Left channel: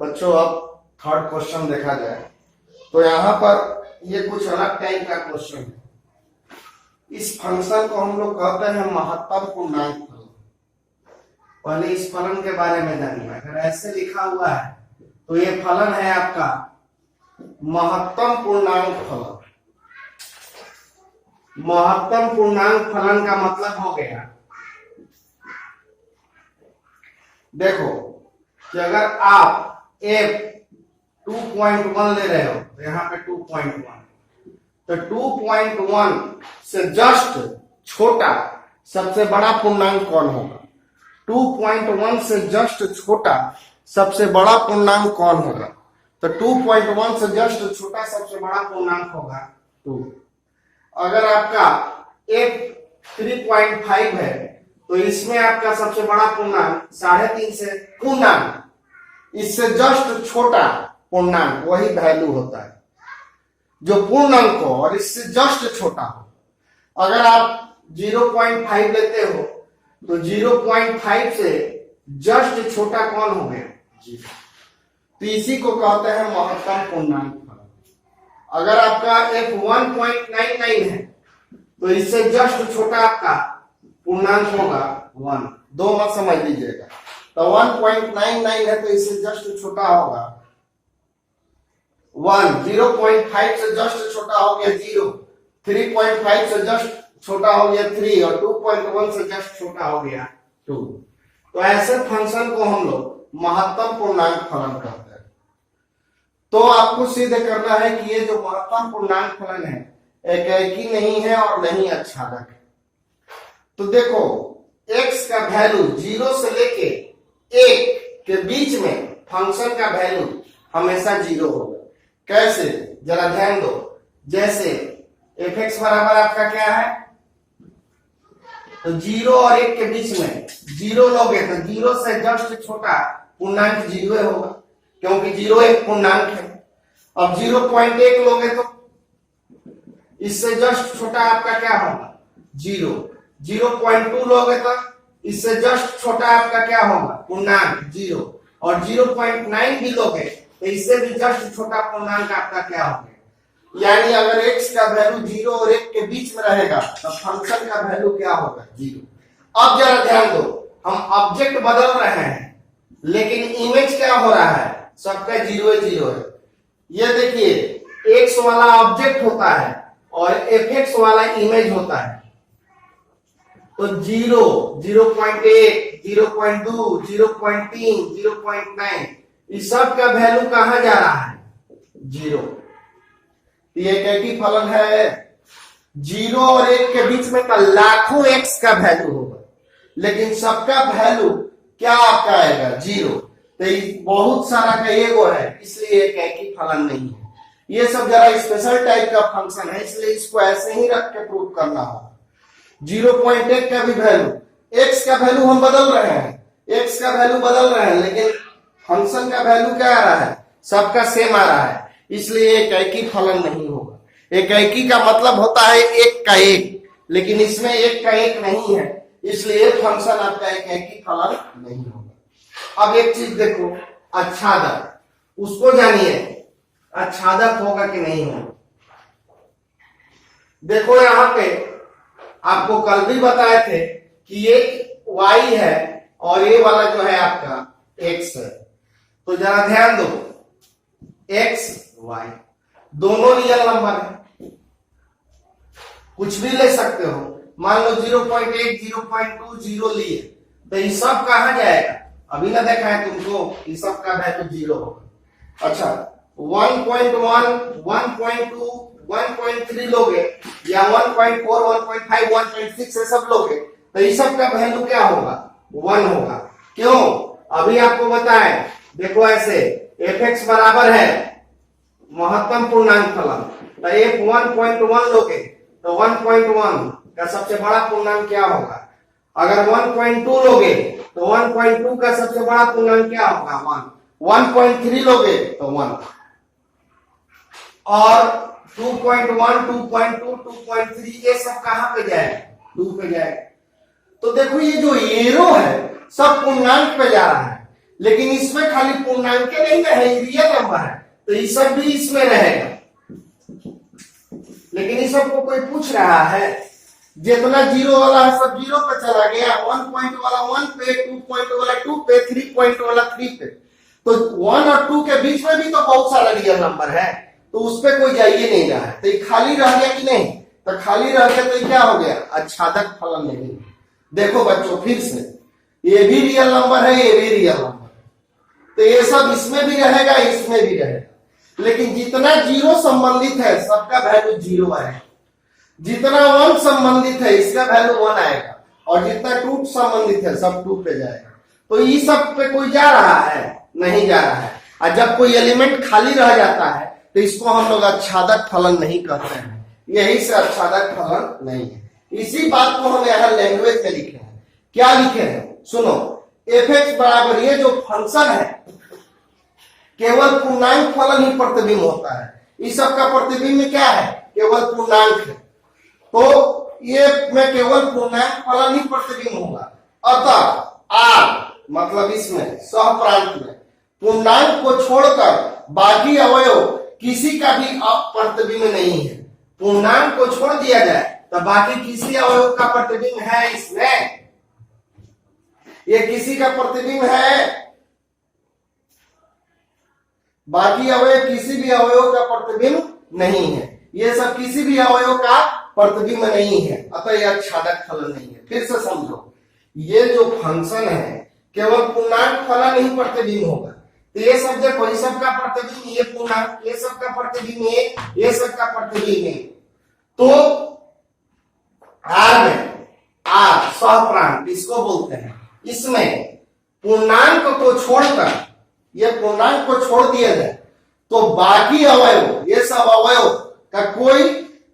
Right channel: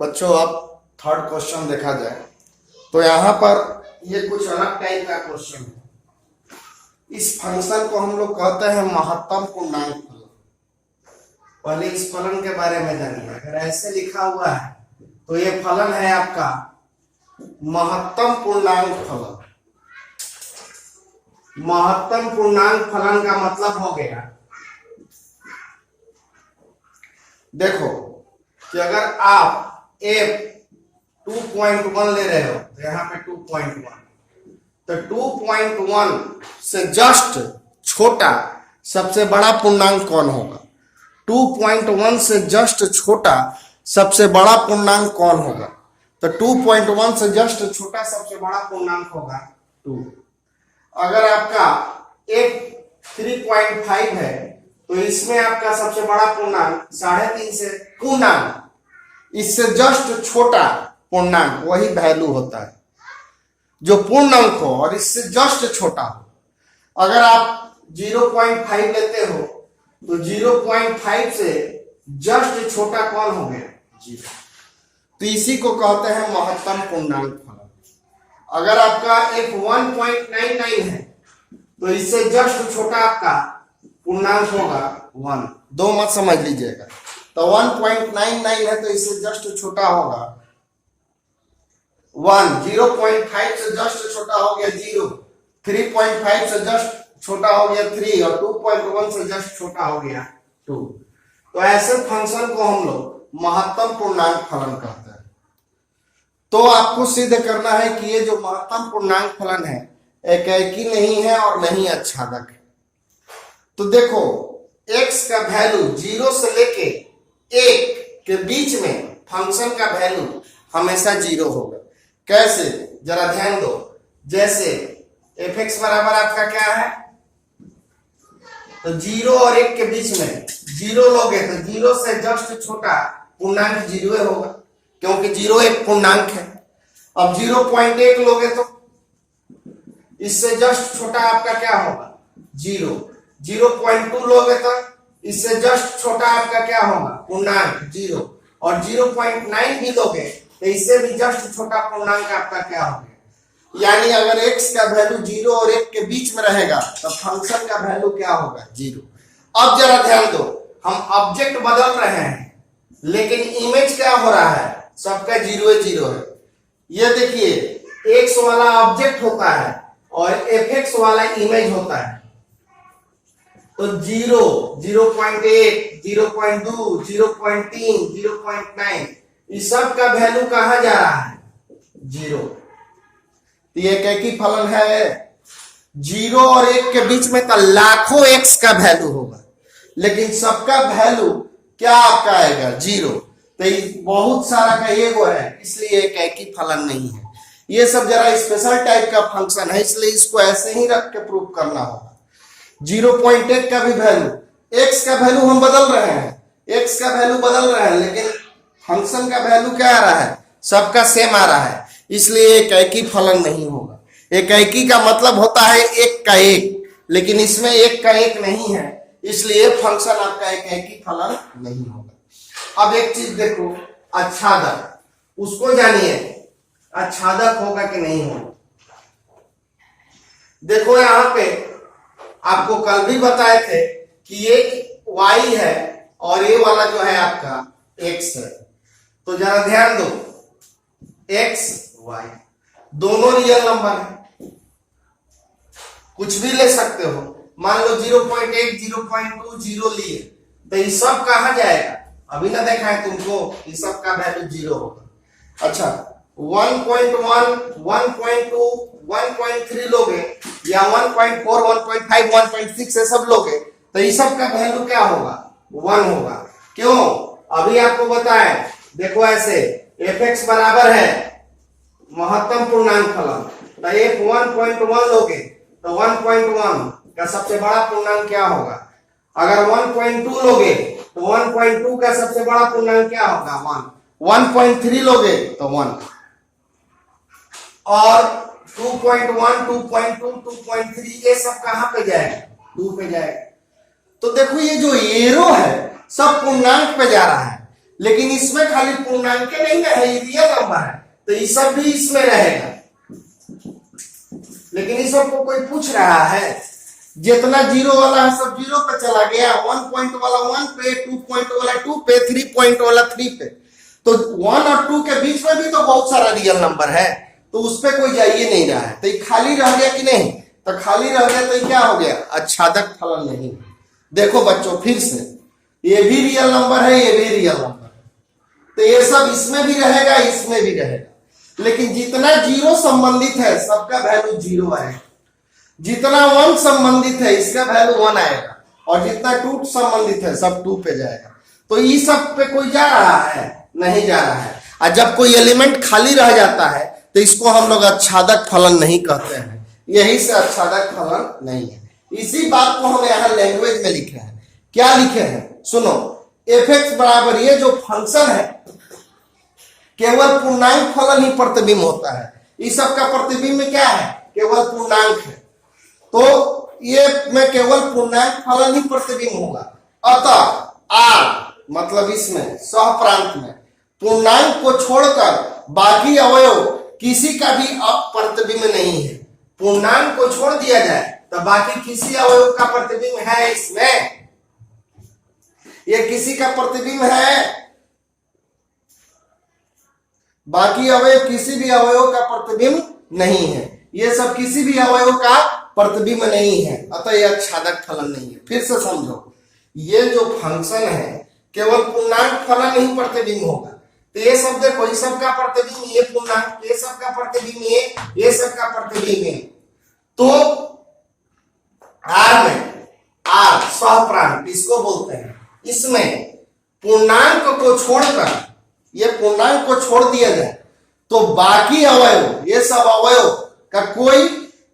बच्चों अब third question देखा जाए तो यहाँ पर ये कुछ अलग टाइप का क्वेश्चन है। इस फंक्शन को हम लोग कहते हैं महत्तम पूर्णांक फलन। पहले इस फलन के बारे में जानिए। अगर ऐसे लिखा हुआ है तो ये फलन है आपका महत्तम पूर्णांक फलन। महत्तम पूर्णांक फलन का मतलब हो गया, देखो कि अगर आप f 2.1 ले रहे हो तो यहाँ पे 2.1, तो 2.1 से जस्ट छोटा सबसे बड़ा पूर्णांक कौन होगा? 2.1 से जस्ट छोटा सबसे बड़ा पूर्णांक कौन होगा? तो 2.1 से जस्ट छोटा सबसे बड़ा पूर्णांक होगा 2। अगर आपका f 3.5 है तो इसमें आपका सबसे बड़ा पूर्णांक 3.5 से पूर्णांक, इससे जस्ट छोटा पूर्णांक वही वैल्यू होता है जो पूर्णांक हो और इससे जस्ट छोटा हो। अगर आप 0.5 लेते हो तो 0.5 से जस्ट छोटा कौन हो गया? 0। तो इसी को कहते हैं महत्तम पूर्णांक फलन। अगर आपका f 1.99 है तो इससे जस्ट छोटा आपका पूर्णांक होगा 1। दो मत समझ लीजिएगा। तो 1.99 है तो इससे जस्ट छोटा होगा 1। 0.5 से जस्ट छोटा हो गया 0। 3.5 से जस्ट छोटा हो गया 3 और 2.1 से जस्ट छोटा हो गया 2। तो ऐसे फंक्शन को हम लोग महत्तम पूर्णांक फलन कहते हैं। तो आपको सिद्ध करना है कि ये जो महत्तम पूर्णांक फलन है एकैकी नहीं है और नहीं आच्छादक है। तो देखो x का वैल्यू 0 से लेके 1 के बीच में फंक्शन का वैल्यू हमेशा 0 होगा। कैसे? जरा ध्यान दो। जैसे f(x) बराबर आपका क्या है? तो 0 और 1 के बीच में 0 लोगे तो 0 से जस्ट छोटा पूर्णांक 0 होगा, क्योंकि 0 एक पूर्णांक है। अब 0.1 लोगे तो इससे जस्ट छोटा आपका क्या होगा? 0। 0.2 लोगे तो इससे जस्ट छोटा आपका क्या होगा? पूर्णांक 0। और 0.9 भी लोगे तो इससे भी जस्ट छोटा पूर्णांक आपका क्या होगा? यानी अगर x का वैल्यू 0 और 1 के बीच में रहेगा तो फंक्शन का वैल्यू क्या होगा? 0। अब जरा ध्यान दो, हम ऑब्जेक्ट बदल रहे हैं लेकिन इमेज क्या हो रहा है? सबका 0 है। ये देखिए x वाला ऑब्जेक्ट होता है और fx वाला इमेज होता है। तो 0, 0.1, 0.2, 0.3, 0.9 इस सब का वैल्यू कहां जा रहा है? 0। तो ये एकैकी फलन है। 0 और 1 के बीच में तो लाखों x का वैल्यू होगा, लेकिन सबका वैल्यू क्या आपका आएगा? 0। तो बहुत सारा का एगो है, इसलिए एकैकी फलन नहीं है। ये सब जरा स्पेशल टाइप का फंक्शन है, इसलिए इसको ऐसे ही रख के प्रूव करना होगा। 0.1 का भी वैल्यू, x का वैल्यू हम बदल रहे हैं, x का वैल्यू बदल रहे हैं, लेकिन फंक्शन का वैल्यू क्या आ रहा है? सबका सेम आ रहा है, इसलिए एकैकी फलन नहीं होगा। एकैकी का मतलब होता है एक का एक, लेकिन इसमें एक का एक नहीं है, इसलिए फंक्शन आपका एकैकी फलन नहीं होगा। अब एक चीज देखो, आच्छादक, उसको जानिए आच्छादक होगा कि नहीं होगा। देखो यहाँ पे आपको कल भी बताए थे कि एक y है और ये वाला जो है आपका x है। तो जरा ध्यान दो, x y दोनों रियल नंबर है, कुछ भी ले सकते हो। मान लो 0.1, 0.2, 0 लिए तो ये सब कहां जाएगा? अभी ना देखा है तुमको, ये सब का वैल्यू 0 होगा। अच्छा 1.1, 1.2, 1.3 लोगे या 1.4, 1.5, 1.6 ये सब लोगे तो ये सब का वैल्यू क्या होगा? 1 होगा। क्यों? अभी आपको बताएं, देखो ऐसे fx बराबर है महत्तम पूर्णांक फलन, तो f 1.1 लोगे तो 1.1 का सबसे बड़ा पूर्णांक क्या होगा? अगर 1.2 लोगे तो 1.2 का सबसे बड़ा पूर्णांक क्या होगा? 1। 1.3 लोगे तो 1 और 2.1, 2.2, 2.3 ये सब कहां पे जाएगा? 2 पे जाएगा। तो देखो ये जो एरो है सब पूर्णांक पे जा रहा है, लेकिन इसमें खाली पूर्णांक नहीं ना है, रियल नंबर है, तो ये सब भी इसमें रहेगा। लेकिन इस सबको कोई पूछ रहा है, जितना जीरो वाला है सब जीरो पे चला गया, 1 पॉइंट वाला 1 पे, 2 पॉइंट वाला 2 पे, 3 पॉइंट वाला 3 पे, तो 1 और 2 के बीच में भी तो बहुत सारा रियल नंबर है, तो उस पे कोई जाइए नहीं रहा है, तो ये खाली रह गया कि नहीं, तो खाली रह गया तो क्या हो गया, आच्छादक फलन नहीं। देखो बच्चों फिर से, ये भी रियल नंबर है, ये भी रियल नंबर है, तो ये सब इसमें भी रहेगा, इसमें भी रहेगा, लेकिन जितना जीरो संबंधित है सबका वैल्यू जीरो आएगा, जितना 1 संबंधित है इसका वैल्यू 1 आएगा, और जितना 2 संबंधित है सब 2 पे जाएगा। तो ये सब पे कोई जा रहा है, नहीं जा रहा है। और जब कोई एलिमेंट खाली रह जाता है तो इसको हम लोग आच्छादक फलन नहीं कहते हैं, यही से आच्छादक फलन नहीं है। इसी बात को हम यहाँ लैंग्वेज में लिखे हैं। क्या लिखे हैं सुनो, एफ एक्स बराबर ये जो फंक्शन है केवल पूर्णांक फलन ही प्रतिबिंब होता है, इस सब का प्रतिबिंब में क्या है, केवल पूर्णांक है, तो ये में केवल पूर्णांक फलन ही प्रतिबिंब होगा। अतः आर मतलब इसमें सहप्रांत में पूर्णांक को छोड़कर बाकी अवयव किसी का भी प्रतिबिंब नहीं है। पूर्णांक को छोड़ दिया जाए तो बाकी किसी अवयव का प्रतिबिंब है इसमें, ये किसी का प्रतिबिंब है, बाकी अवयव किसी भी अवयव का प्रतिबिंब नहीं है, ये सब किसी भी अवयव का प्रतिबिंब नहीं है, अतः यह आच्छादक फलन नहीं है। फिर से समझो, ये जो फंक्शन है केवल पूर्णांक फलन ही प्रतिबिंब होगा, तो ये सब देखो, ये सब का प्रतिबिंब ये पूर्णांक, ये सब का प्रतिबिंब ये सब का प्रतिबिंब है, तो आर में आर सहप्रांत इसको बोलते हैं, इसमें पूर्णांक को छोड़कर, ये पूर्णांक को छोड़ दिया जाए तो बाकी अवयव, ये सब अवयव का कोई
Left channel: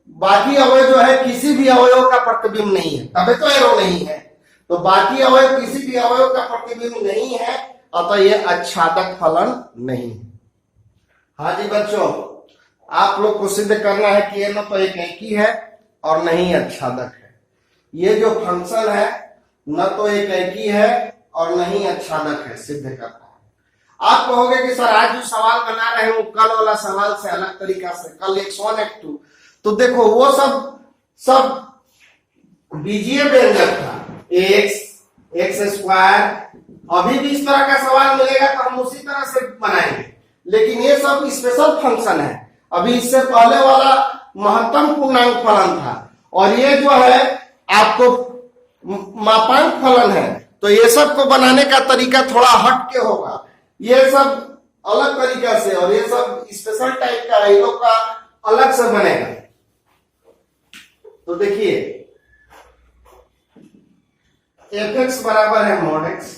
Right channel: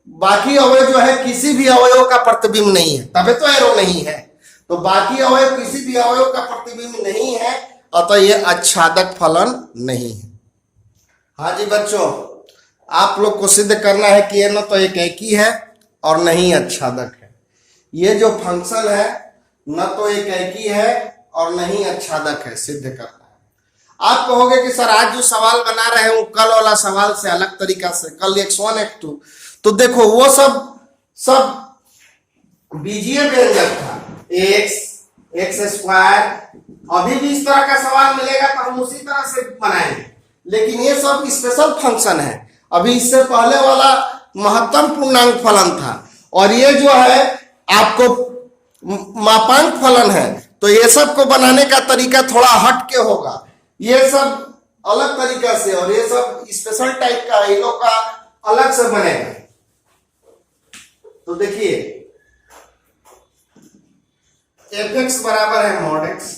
बाकी अवयव जो है किसी भी अवयव का प्रतिबिंब नहीं है, तबे तो एरो नहीं है, तो बाकी अवयव किसी भी अवयव का प्रतिबिंब नहीं है, अतः यह आच्छादक फलन नहीं है। हाँ जी बच्चों, आप लोग को सिद्ध करना है कि यह न तो एक ही है और न ही आच्छादक है। ये जो फंक्शन है न तो एक ही है और न ही आच्छादक है, सिद्ध करना है। आप कहोगे कि सर आज जो सवाल बना रहे हैं वो कल वाला सवाल से अलग तरीका से, कल x1 x2, तो देखो वो सब बीजीय व्यंजक था, x स्क्वायर, अभी भी इस तरह का सवाल मिलेगा तो हम उसी तरह से बनाएंगे, लेकिन ये सब स्पेशल फंक्शन है। अभी इससे पहले वाला महत्तम पूर्णांक फलन था, और ये जो है आपको मापांक फलन है, तो ये सब को बनाने का तरीका थोड़ा हट के होगा, ये सब अलग तरीका से, और ये सब स्पेशल टाइप का, इन लोग का अलग से बनेगा। तो देखिए एफ एक्स बराबर है मॉड एक्स,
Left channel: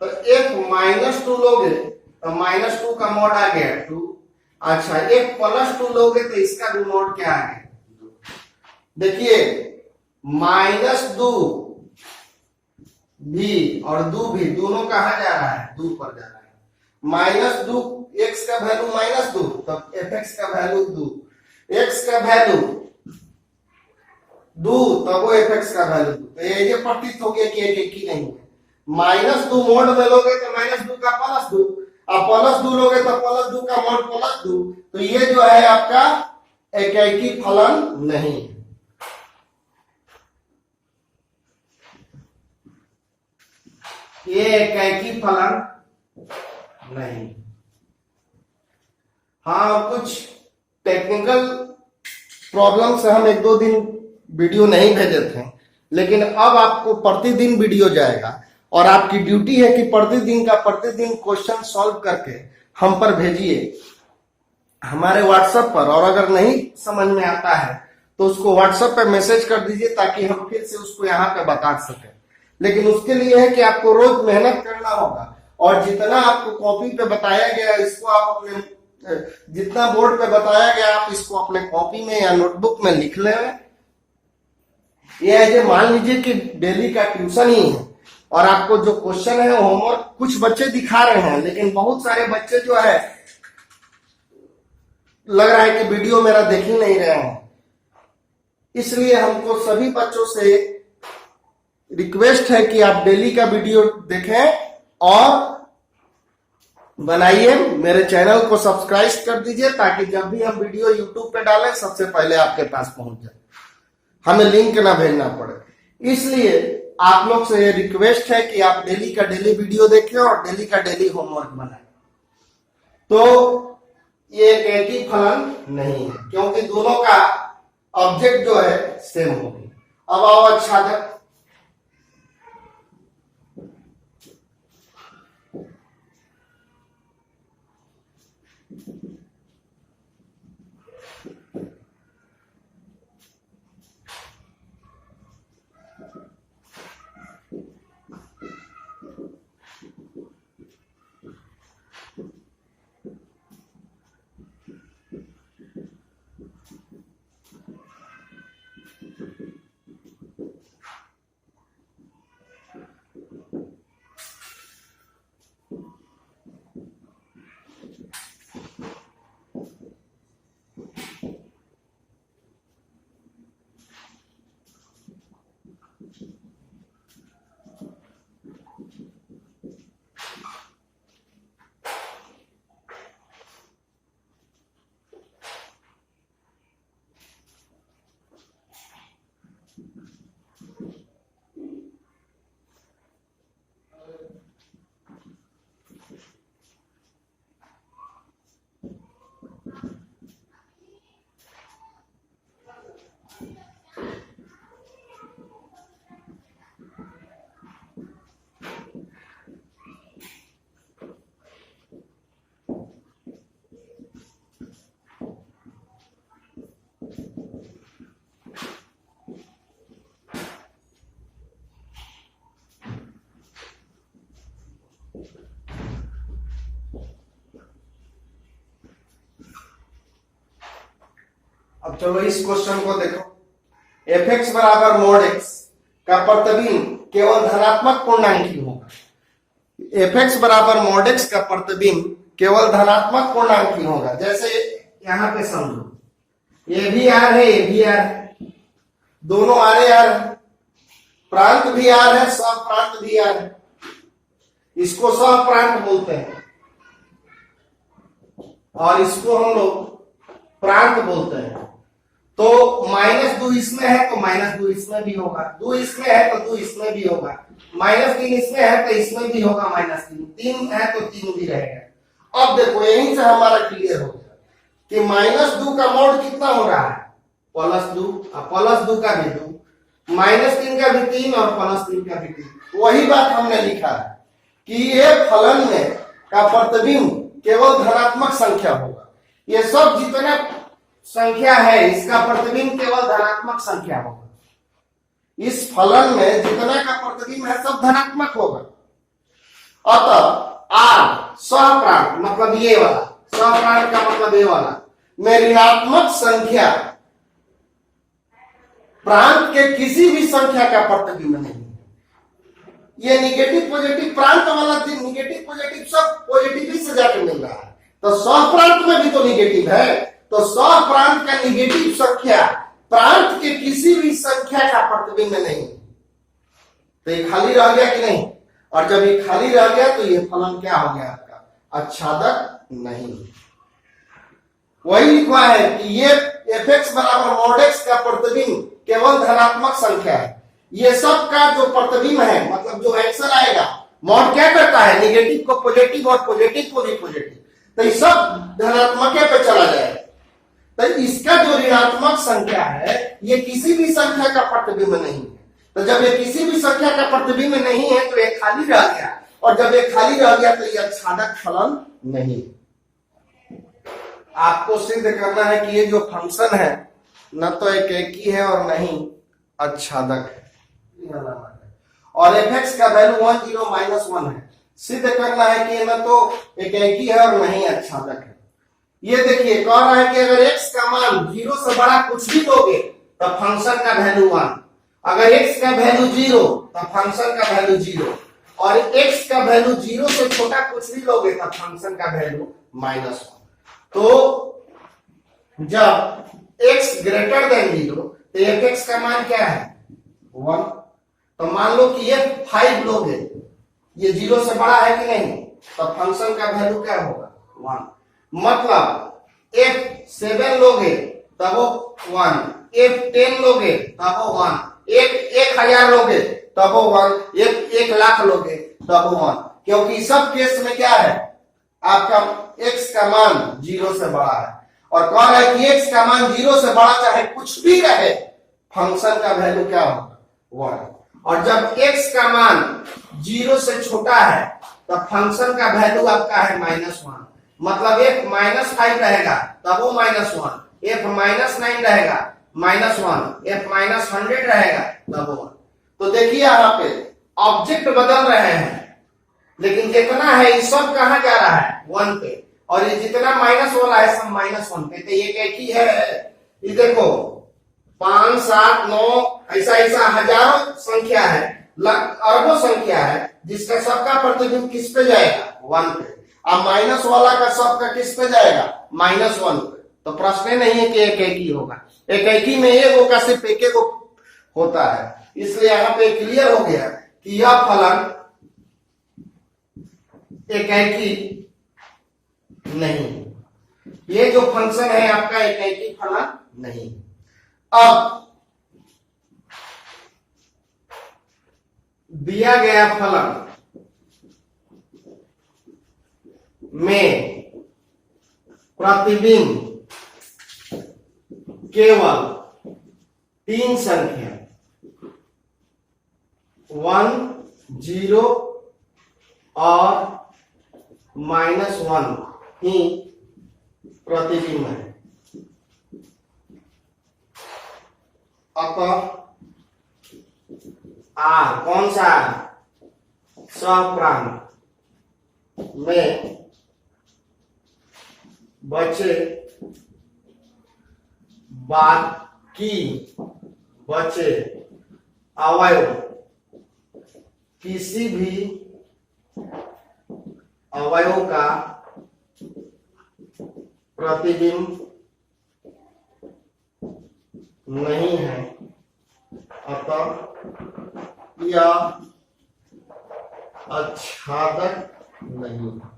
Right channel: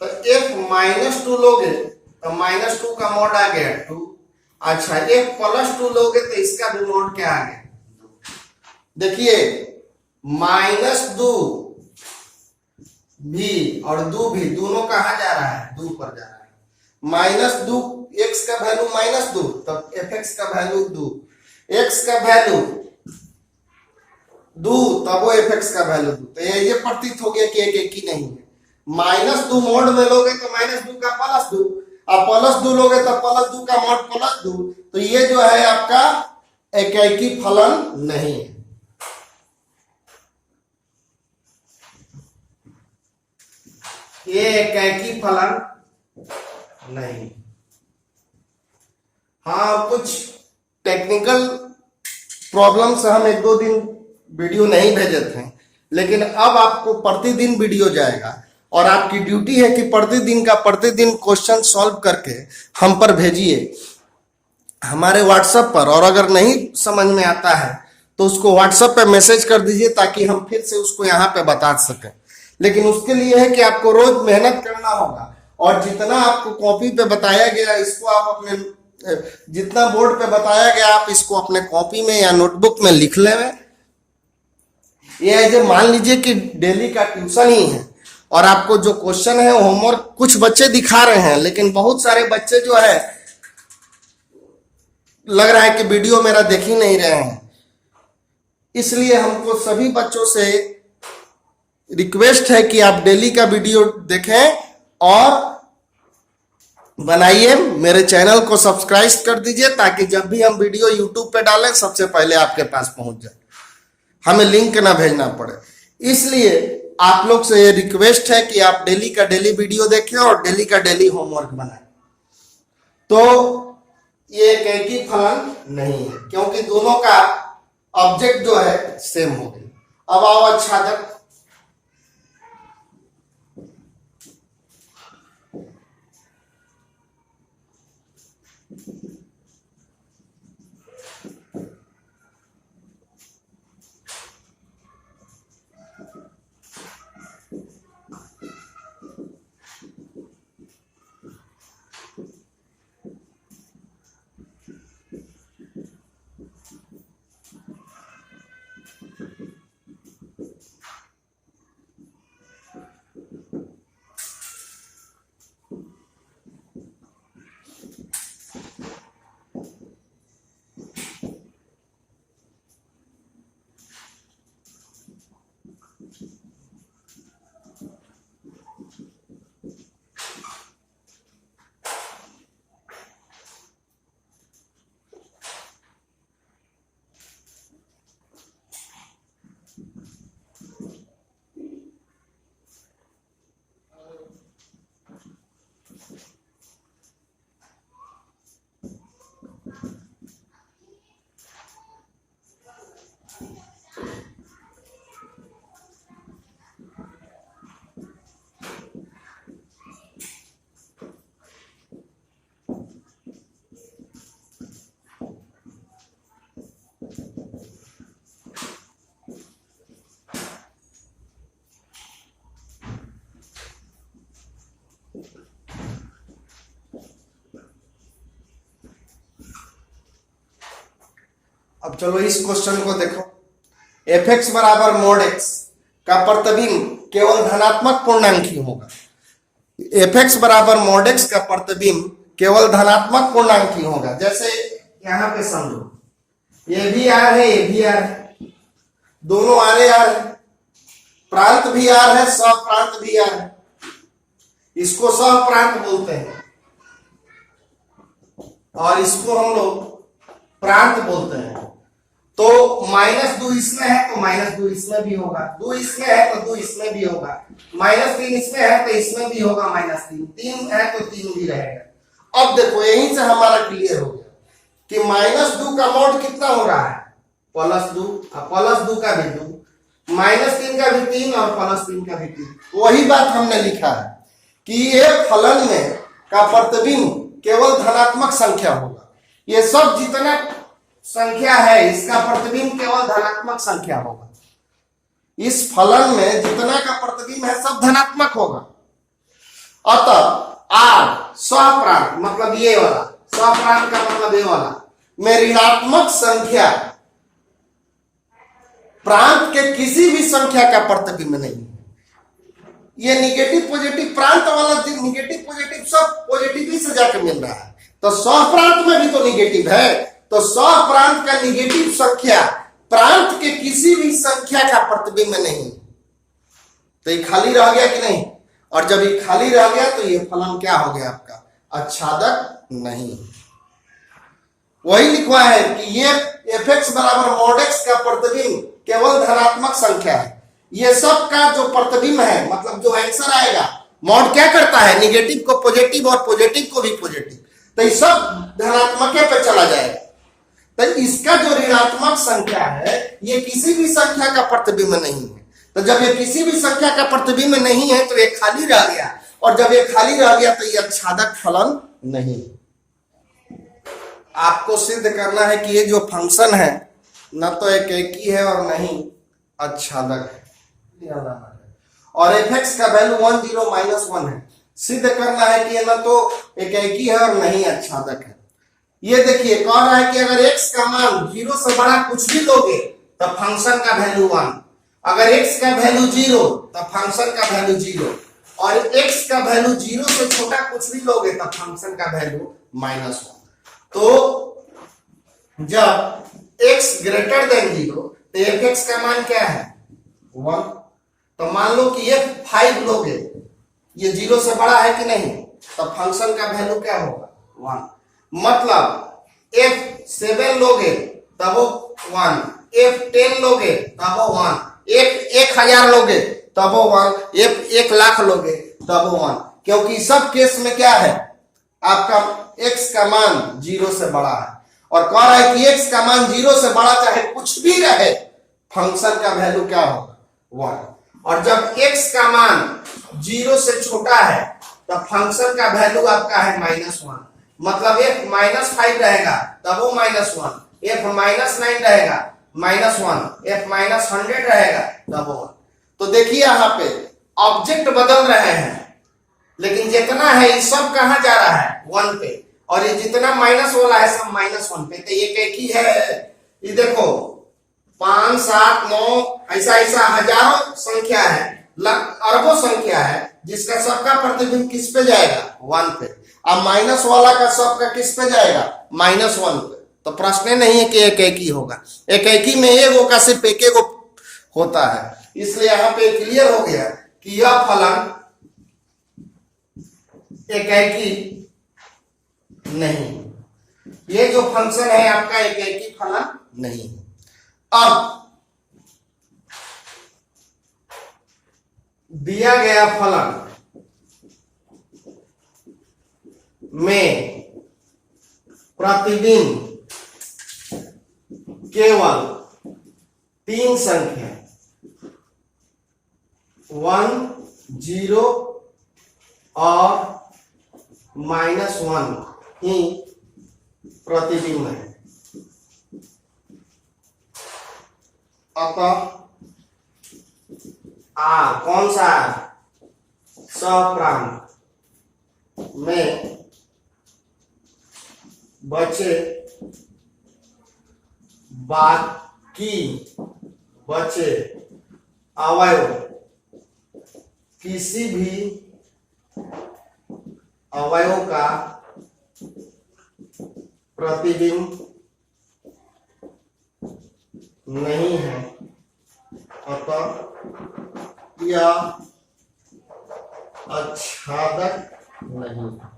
तो एफ -2 लोगे तो -2 का मॉड आ गया 2। अच्छा, एफ +2 लोगे तो इसका भी मॉड क्या आ गया, देखिए -2 भी और 2 भी, दोनों कहां जा रहा है, 2 पर जा रहा है। -2 x का वैल्यू -2, तब एफ एक्स का वैल्यू 2, x का वैल्यू 2, तब वो एफ एक्स का वैल्यू 2, तो ये प्रतीत हो गया कि एक ही नहीं है। -2 मोड में लोगे तो -2 का +2, अब +2 लोगे तो +2 का मोड +2, तो ये जो है आपका एकाकी फलन नहीं है। ये एकाकी फलन नहीं। हाँ, कुछ टेक्निकल प्रॉब्लम से हम 1-2 दिन वीडियो नहीं भेजे थे, लेकिन अब आपको प्रतिदिन वीडियो जाएगा, और आपकी ड्यूटी है कि प्रतिदिन क्वेश्चन सॉल्व करके हम पर भेजिए हमारे व्हाट्सएप पर, और अगर नहीं समझ में आता है तो उसको व्हाट्सएप पे मैसेज कर दीजिए ताकि हम फिर से उसको यहाँ पे बता सकें। लेकिन उसके लिए है कि आपको रोज मेहनत करना होगा, और जितना आपको कॉपी पे बताया गया इसको आप अपने, जितना बोर्ड पे बताया गया आप इसको अपने कॉपी में या नोटबुक में लिख लें। ये मान लीजिए कि डेली का ट्यूशन ही है, और आपको जो क्वेश्चन है होमवर्क कुछ बच्चे दिखा रहे हैं, लेकिन बहुत सारे बच्चे जो है लग रहा है कि वीडियो मेरा देख ही नहीं रहे हैं। इसलिए हमको सभी बच्चों से रिक्वेस्ट है कि आप डेली का वीडियो देखें और बनाइए, मेरे चैनल को सब्सक्राइब कर दीजिए ताकि जब भी हम वीडियो यूट्यूब पे डालें सबसे पहले आपके पास पहुंच जाए, हमें लिंक ना भेजना पड़े। इसलिए आप लोग से ये रिक्वेस्ट है कि आप डेली का डेली वीडियो देखें और डेली का डेली होमवर्क बनाएं। तो ये एक ही फलन नहीं है क्योंकि दोनों का ऑब्जेक्ट जो है सेम होगी। अब आओ आच्छादक। अब चलो इस क्वेश्चन को देखो। एफ एक्स बराबर मोड एक्स का प्रतिबिंब केवल धनात्मक पूर्णांक ही होगा। एफ एक्स बराबर मोड एक्स का प्रतिबिंब केवल धनात्मक पूर्णांक ही होगा। जैसे यहां पे समझो, ये भी आर है, ये भी आर है, दोनों आर आर है, प्रांत भी आर है, सह प्रांत भी आर है, इसको सह प्रांत बोलते हैं और इसको हम लोग प्रांत बोलते हैं। तो -2 इसमें है तो -2 इसमें भी होगा, 2 इसमें है तो 2 इसमें भी होगा, -3 इसमें है तो इसमें भी होगा -3, 3 है तो 3 भी रहेगा। अब देखो यहीं से हमारा क्लियर हो गया कि -2 का मोड कितना हो रहा है, +2, +2 का भी 2, -3 का भी 3 और +3 का भी 3। वही बात हमने लिखा है कि ये फलन में का प्रतिबिंब केवल धनात्मक संख्या होगा। ये सब जितना संख्या है इसका प्रतिबिंब केवल धनात्मक संख्या होगा। इस फलन में जितना का प्रतिबिंब है सब धनात्मक होगा। अतः आर सहप्रांत मतलब ये वाला, सहप्रांत का मतलब ये वाला में ऋणात्मक संख्या प्रांत के किसी भी संख्या का प्रतिबिंब नहीं। ये निगेटिव पॉजिटिव प्रांत वाला निगेटिव पॉजिटिव सब पॉजिटिव ही से जाके मिल रहा है, तो सहप्रांत में भी तो निगेटिव है। तो सहप्रांत का निगेटिव संख्या प्रांत के किसी भी संख्या का प्रतिबिंब नहीं। तो ये खाली रह गया कि नहीं, और जब ये खाली रह गया तो ये फलन क्या हो गया आपका, आच्छादक नहीं। वही लिखवा है कि ये एफ एक्स बराबर मोड एक्स का प्रतिबिंब केवल धनात्मक संख्या है। ये सब का जो प्रतिबिंब है मतलब जो आंसर आएगा, मोड क्या करता है, निगेटिव को पॉजिटिव और पॉजिटिव को भी पॉजिटिव, तो ये सब धनात्मक पे चला जाएगा। तो इसका जो ऋणात्मक संख्या है ये किसी भी संख्या का प्रतिबिंब नहीं है। तो जब ये किसी भी संख्या का प्रतिबिंब नहीं है तो ये खाली रह गया, और जब ये खाली रह गया तो ये आच्छादक फलन नहीं। आपको सिद्ध करना है कि ये जो फंक्शन है न तो एक एकी है और नहीं आच्छादक है, और एफ एक्स का वैल्यू 1 0 -1 है। सिद्ध करना है कि ये न तो एक एकी है और नहीं आच्छादक है। ये देखिए कह रहा है कि अगर x का मान 0 से बड़ा कुछ भी लोगे तो फंक्शन का वैल्यू 1, अगर x का वैल्यू 0 तो फंक्शन का वैल्यू 0, और x का वैल्यू 0 से छोटा कुछ भी लोगे तो फंक्शन का वैल्यू -1। तो जब x ग्रेटर देन 0 तो f(x) का मान क्या है 1। तो मान लो कि ये 5 लोगे, ये 0 से बड़ा है कि नहीं, तब फंक्शन का वैल्यू क्या होगा 1। मतलब F7 लोगे तब वो 1, F10 लोगे तब वो 1, F1000 लोगे तब वो 1, F1,00,000 लोगे तब वो 1, क्योंकि सब केस में क्या है, आपका x का मान 0 से बड़ा है। और कह रहा है कि x का मान 0 से बड़ा चाहे कुछ भी रहे, फंक्शन का वैल्यू क्या होगा 1। और जब x का मान 0 से छोटा है तब फंक्शन का वैल्यू आपका है -1। मतलब f -5 रहेगा तब वो -1, f -9 रहेगा -1, f -100 रहेगा तब वो 1। तो देखिए यहाँ पे ऑब्जेक्ट बदल रहे हैं, लेकिन जितना है ये सब कहाँ जा रहा है 1 पे, और ये जितना माइनस वाला है सब -1 पे। तो ये एक ही है, ये देखो 5, 7, 9 ऐसा ऐसा हजारों संख्या है, अरबों संख्या है, जिसका सबका प्रतिबिंब किस पे जाएगा 1 पे। अब माइनस वाला का सबका किस पे जाएगा -1 पे। तो प्रश्न नहीं है कि एक ही होगा, एक में एगो का सिर्फ एक होता है। इसलिए यहाँ पे क्लियर हो गया कि यह फलन एक नहीं, ये जो फंक्शन है आपका एक फलन नहीं। अब दिया गया फलन में प्रतिबिंब केवल 3 संख्या 1, 0 और -1 ही प्रतिबिंब है। अतः R कौन सा सप्रांत में बचे अवयव किसी भी अवयव का प्रतिबिंब नहीं है, अतः यह आच्छादक नहीं है।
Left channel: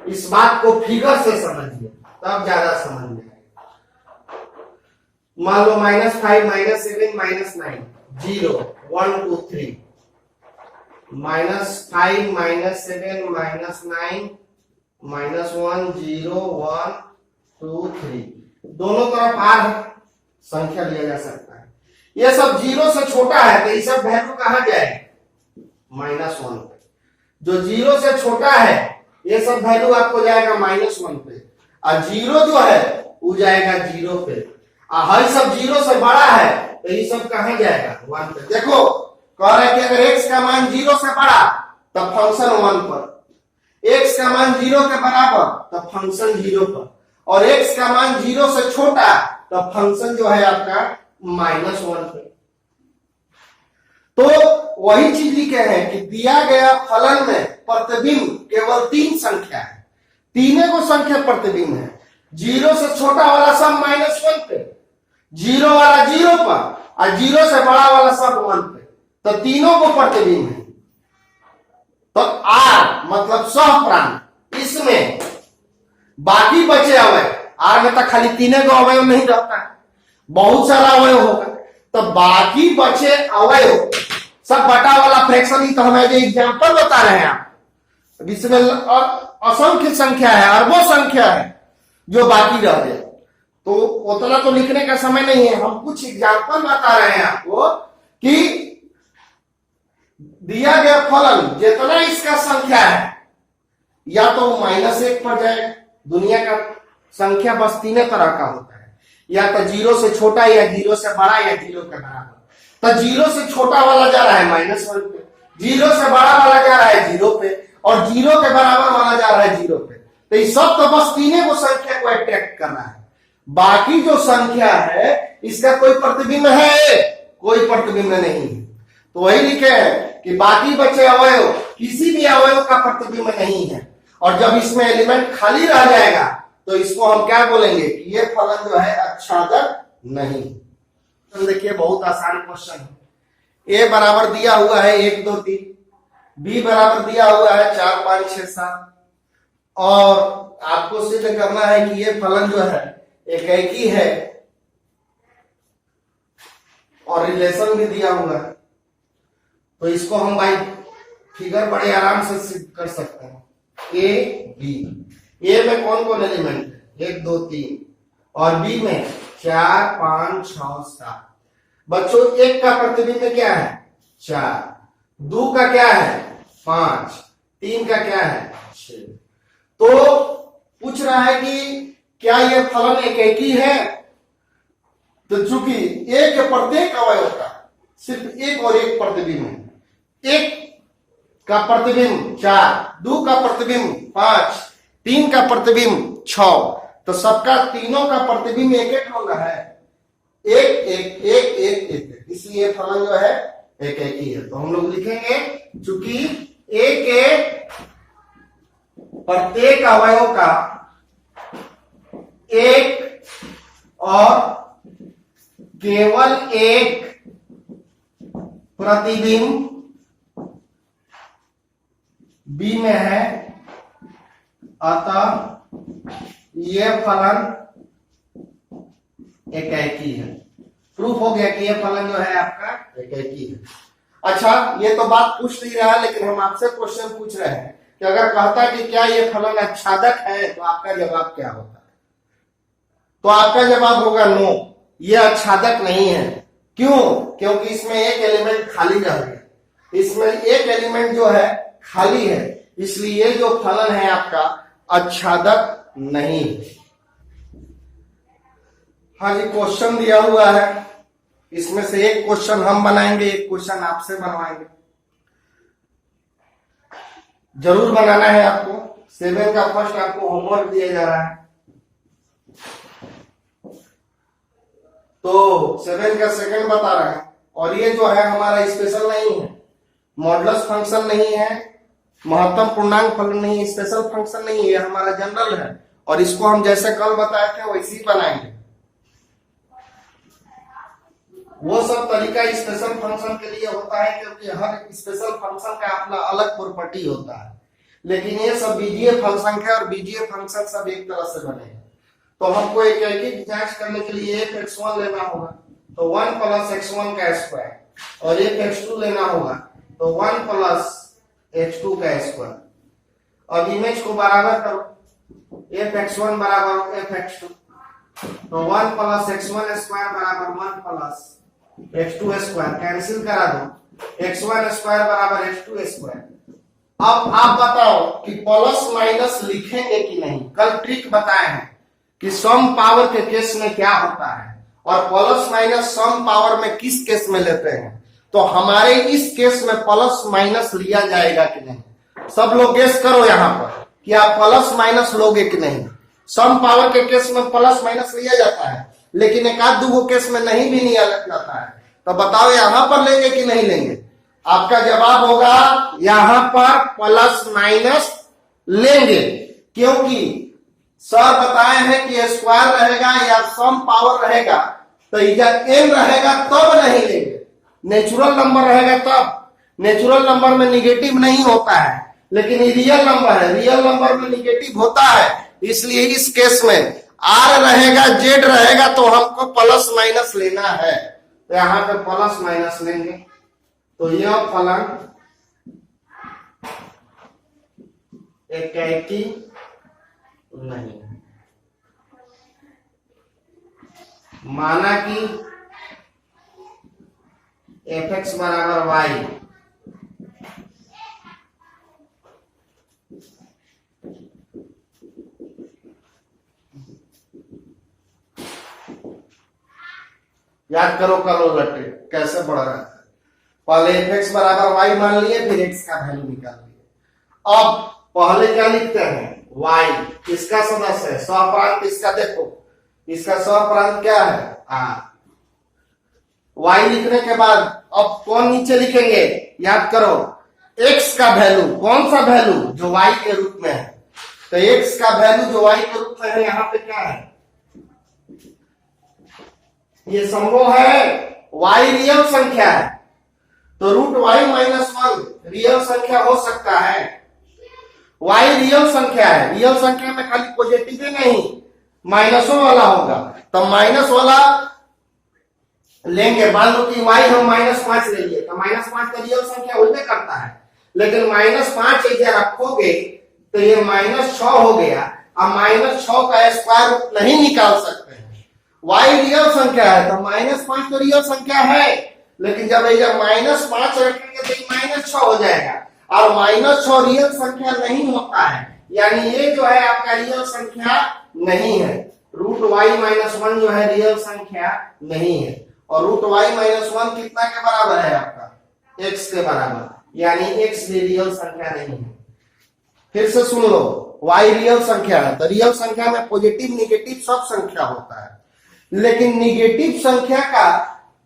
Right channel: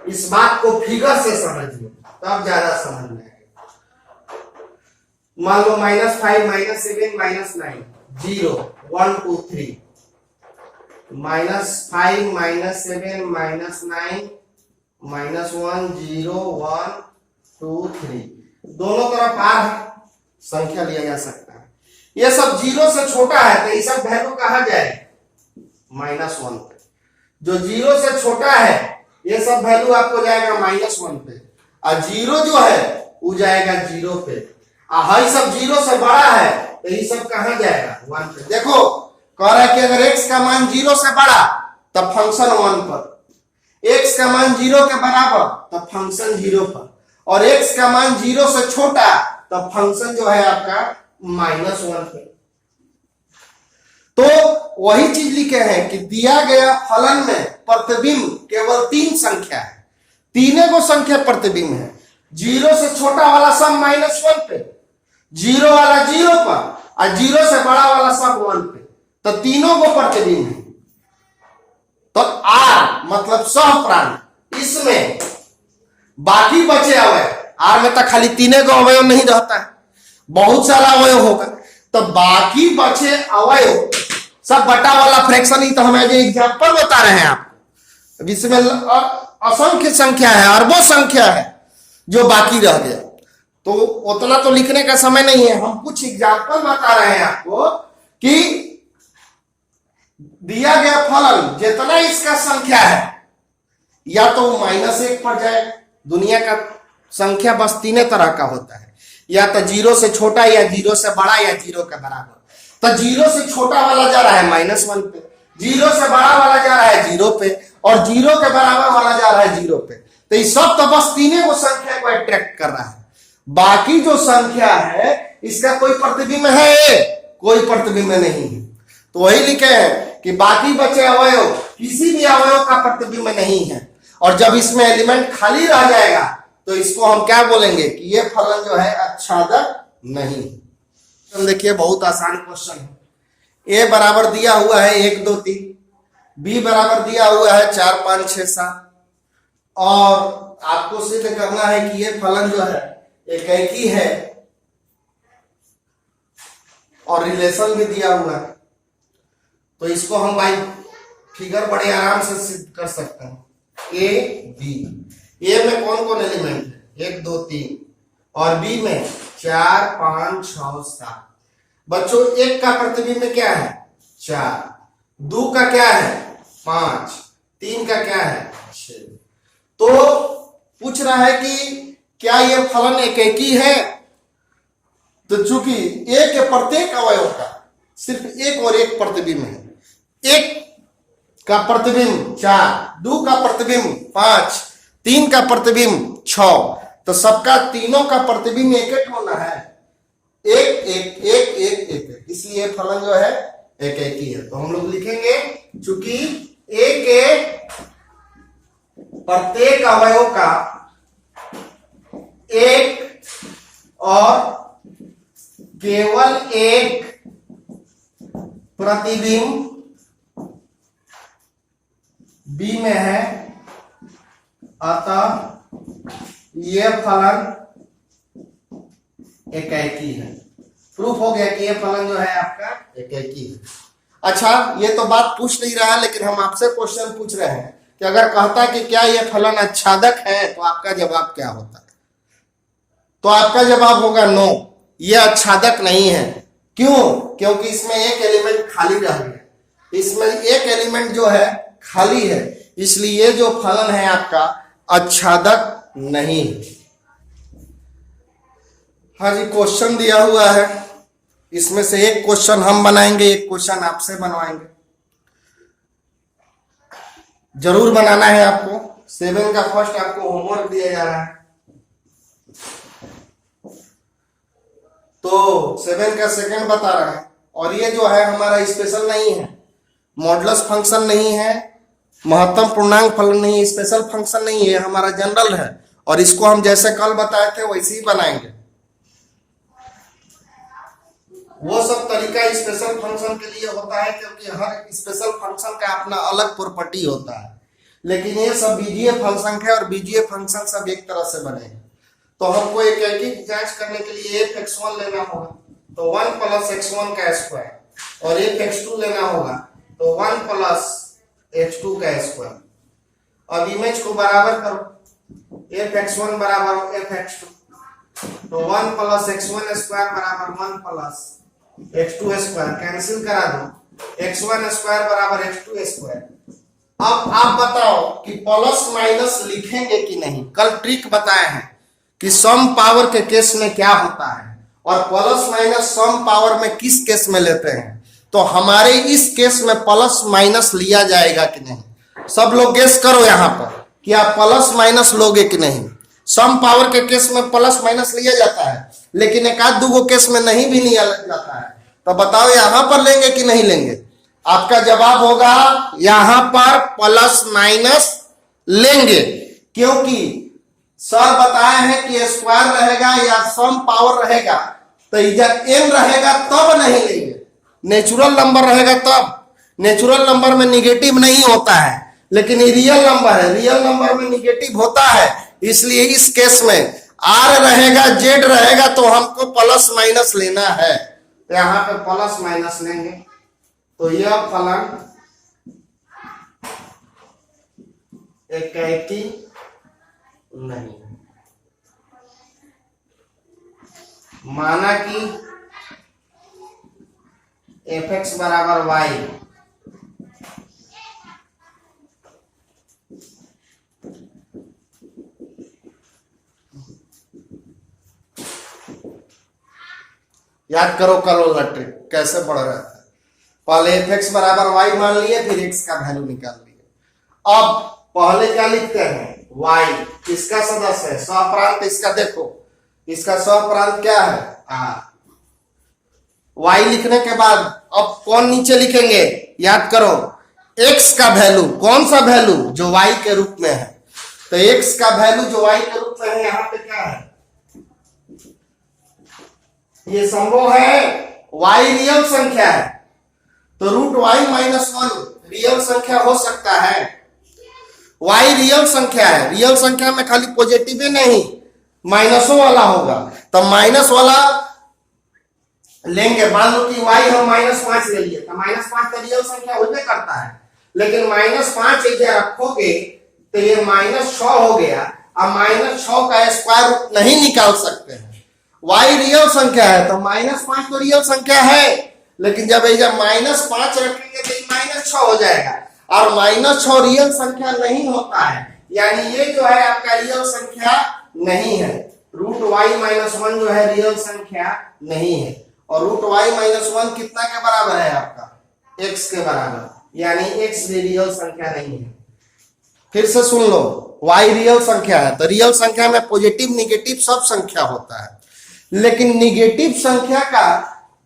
इस बात को फिगर से समझिए तब ज्यादा समझ में आएगा। मान लो -5, -7, -9, 0, 1, 2, 3, -5, -7, -9, -1, 0, 1, 2, 3, दोनों तरफ R है, संख्या लिया जा सकता है। ये सब 0 से छोटा है तो ये सब वैल्यू कहाँ जाएगा -1 पे। जो 0 से छोटा है ये सब वैल्यू आपको जाएगा -1 पे, और 0 जो है वो जाएगा 0 पे, और ये सब 0 से बड़ा है तो ये सब कहाँ जाएगा 1 पे। देखो कह रहा है कि अगर x का मान 0 से बड़ा तब फंक्शन 1 पर, x का मान 0 के बराबर तब फंक्शन 0 पर, और x का मान 0 से छोटा तब फंक्शन जो है आपका -1 पे। तो वही चीज लिखे हैं कि दिया गया फलन में प्रतिबिंब केवल 3 संख्या है, तीनों को संख्या प्रतिबिंब है। 0 से छोटा वाला सब -1 पे, 0 वाला 0 पर, और 0 से बड़ा वाला सब 1 पे, तो तीनों को प्रतिबिंब है। तो R मतलब सहप्रांत, इसमें बाकी बचे अवयव, R में तो खाली 3 को अवयव नहीं रहता है, बहुत सारा अवयव होगा, तो बाकी बचे अवयव सब बटा वाला फ्रैक्शन ही तो हमारे जो एग्जांपल बता रहे हैं आप, इसमें असंख्य संख्या है, अरबों संख्या है जो बाकी रह गया। तो उतना तो लिखने का समय नहीं है, हम कुछ एग्जांपल बता रहे हैं आपको कि दिया गया फलन जितना इसका संख्या है या तो -1 पर जाएगा। दुनिया का संख्या बस 3 तरह का होता है, या तो 0 से छोटा, या 0 से बड़ा, या 0 के बराबर। तो 0 से छोटा वाला जा रहा है -1 पे, 0 से बड़ा वाला जा रहा है 0 पे, और 0 के बराबर वाला जा रहा है 0 पे। तो ये सब तो बस 3 को संख्या को अट्रैक्ट कर रहा है। बाकी जो संख्या है इसका कोई प्रतिबिंब है, कोई प्रतिबिंब नहीं है। तो वही लिखे हैं कि बाकी बचे अवयव किसी भी अवयव का प्रतिबिंब नहीं है, और जब इसमें एलिमेंट खाली रह जाएगा तो इसको हम क्या बोलेंगे कि ये फलन जो है आच्छादक नहीं। देखिए बहुत आसान क्वेश्चन है। ए बराबर दिया हुआ है 1, 2, 3, b बराबर दिया हुआ है 4 5 6 7 और आपको सिद्ध करना है कि ये फलन जो है एकेकी है और रिलेशन भी दिया हुआ है। तो इसको हम भाई फिगर बड़े आराम से सिद्ध कर सकते हैं। ए बी, ए में कौन कौन एलिमेंट है 1 2 3 और बी में 4 5 6 7। बच्चों 1 का प्रतिबिंब क्या है 4, 2 का क्या है 5, 3 का क्या है 6। तो पूछ रहा है कि क्या यह फलन एकेकी है। तो चूंकि ए के प्रत्येक अवयव का सिर्फ एक और एक प्रतिबिंब है, 1 का प्रतिबिंब 4, 2 का प्रतिबिंब 5, 3 का प्रतिबिंब 6, तो सबका तीनों का प्रतिबिंब एक एक होना है, एक एक एक एक एक, इसलिए फलन जो है एक एक ही है। तो हम लोग लिखेंगे चूंकि ए के प्रत्येक अवयव का एक और केवल एक प्रतिबिंब बी में है, अतः यह फलन एकेकी है। प्रूफ हो गया कि यह फलन जो है आपका एकेकी है। अच्छा, ये तो बात पूछ नहीं रहा है, लेकिन हम आपसे क्वेश्चन पूछ रहे हैं कि अगर कहता कि क्या यह फलन आच्छादक है तो आपका जवाब क्या होता है। तो आपका जवाब होगा नो, यह आच्छादक नहीं है। क्यों? क्योंकि इसमें एक एलिमेंट खाली रह गया, इसमें एक एलिमेंट जो है खाली है, इसलिए जो फलन है आपका आच्छादक नहीं। हाँ जी, क्वेश्चन दिया हुआ है, इसमें से एक क्वेश्चन हम बनाएंगे, एक क्वेश्चन आपसे बनवाएंगे। जरूर बनाना है आपको। 7 का फर्स्ट आपको होमवर्क दिया जा रहा है। तो 7 का सेकंड बता रहा है, और ये जो है हमारा स्पेशल नहीं है, मॉडुलस फंक्शन नहीं है, महत्तम पूर्णांक फलन नहीं है, स्पेशल फंक्शन नहीं है, हमारा जनरल है। और इसको हम जैसे कल बताए थे वैसे ही बनाएंगे। वो सब तरीका स्पेशल फंक्शन के लिए होता है, क्योंकि हर स्पेशल फंक्शन का अपना अलग प्रॉपर्टी होता है। लेकिन ये सब बीजीय फंक्शन है, और बीजीय फंक्शन सब एक तरह से बने। तो हमको एक एक जांच करने के लिए f(x1) लेना होगा, तो 1 + x1 का स्क्वायर, और f(x2) लेना होगा, तो 1 + x2 का स्क्वायर। अब इमेज को बराबर करो, f(x1) बराबर f(x2), तो 1 + x1 स्क्वायर बराबर 1 + x2 स्क्वायर, कैंसिल करा दो, x1 स्क्वायर बराबर x2 स्क्वायर। अब आप बताओ कि प्लस माइनस लिखेंगे कि नहीं। कल ट्रिक बताए हैं कि सम पावर के केस में क्या होता है, और प्लस माइनस सम पावर में किस केस में लेते हैं। तो हमारे इस केस में प्लस माइनस लिया जाएगा कि नहीं। सब लोग गेस करो यहाँ पर कि आप प्लस माइनस लोगे कि नहीं। सम पावर के केस में प्लस माइनस लिया जाता है, लेकिन एक आध दो केस में नहीं भी लिया जाता है। तो बताओ यहाँ पर लेंगे कि नहीं लेंगे। आपका जवाब होगा यहां पर प्लस माइनस लेंगे, क्योंकि सर बताए हैं कि स्क्वायर रहेगा या सम पावर रहेगा, तो इधर m रहेगा तब नहीं लेंगे, नेचुरल नंबर रहेगा तब। नेचुरल नंबर में निगेटिव नहीं होता है, लेकिन ये रियल नंबर है, रियल नंबर में निगेटिव होता है। इसलिए इस केस में r रहेगा, z रहेगा, तो हमको प्लस माइनस लेना है। यहां पे प्लस माइनस लेंगे, तो यह फलन एकेकी नहीं। माना कि f(x) बराबर y, याद करो कल वाला ट्रिक कैसे बढ़ रहा है। पहले f(x) बराबर y मान लिए, फिर x का वैल्यू निकाल लिए। अब पहले क्या लिखते हैं, y किसका सदस्य है, सहप्रांत इसका। देखो इसका सहप्रांत क्या है, r। y लिखने के बाद अब कौन नीचे लिखेंगे, याद करो x का वैल्यू। कौन सा वैल्यू, जो y के रूप में है। तो x का वैल्यू जो y के रूप में है, यहां पे क्या है, ये संभव है y रियल संख्या है, तो root y minus one real संख्या हो सकता है। वाई रियल संख्या है, रियल संख्या में खाली पॉजिटिव ही नहीं माइनसों वाला होगा, तो माइनस वाला लेंगे। मान लो कि वाई हम -5 ले लिए, तो -5 तो रियल संख्या होबे करता है, लेकिन -5 इधर रखोगे तो ये -6 हो गया। अब -6 का स्क्वायर रूट नहीं निकाल सकते हैं। y रियल संख्या है तो -5 तो रियल संख्या है, लेकिन जब -5 रखेंगे तो -6 हो जाएगा, और -6 रियल संख्या नहीं होता है, यानी ये जो है आपका रियल संख्या नहीं है। रूट y माइनस 1 जो है रियल संख्या नहीं है, और रूट y माइनस 1 कितना के बराबर है आपका? x के बराबर, यानी x भी रियल संख्या नहीं है। फिर से सुन लो, y रियल संख्या है तो रियल संख्या में पॉजिटिव निगेटिव सब संख्या होता है, लेकिन निगेटिव संख्या का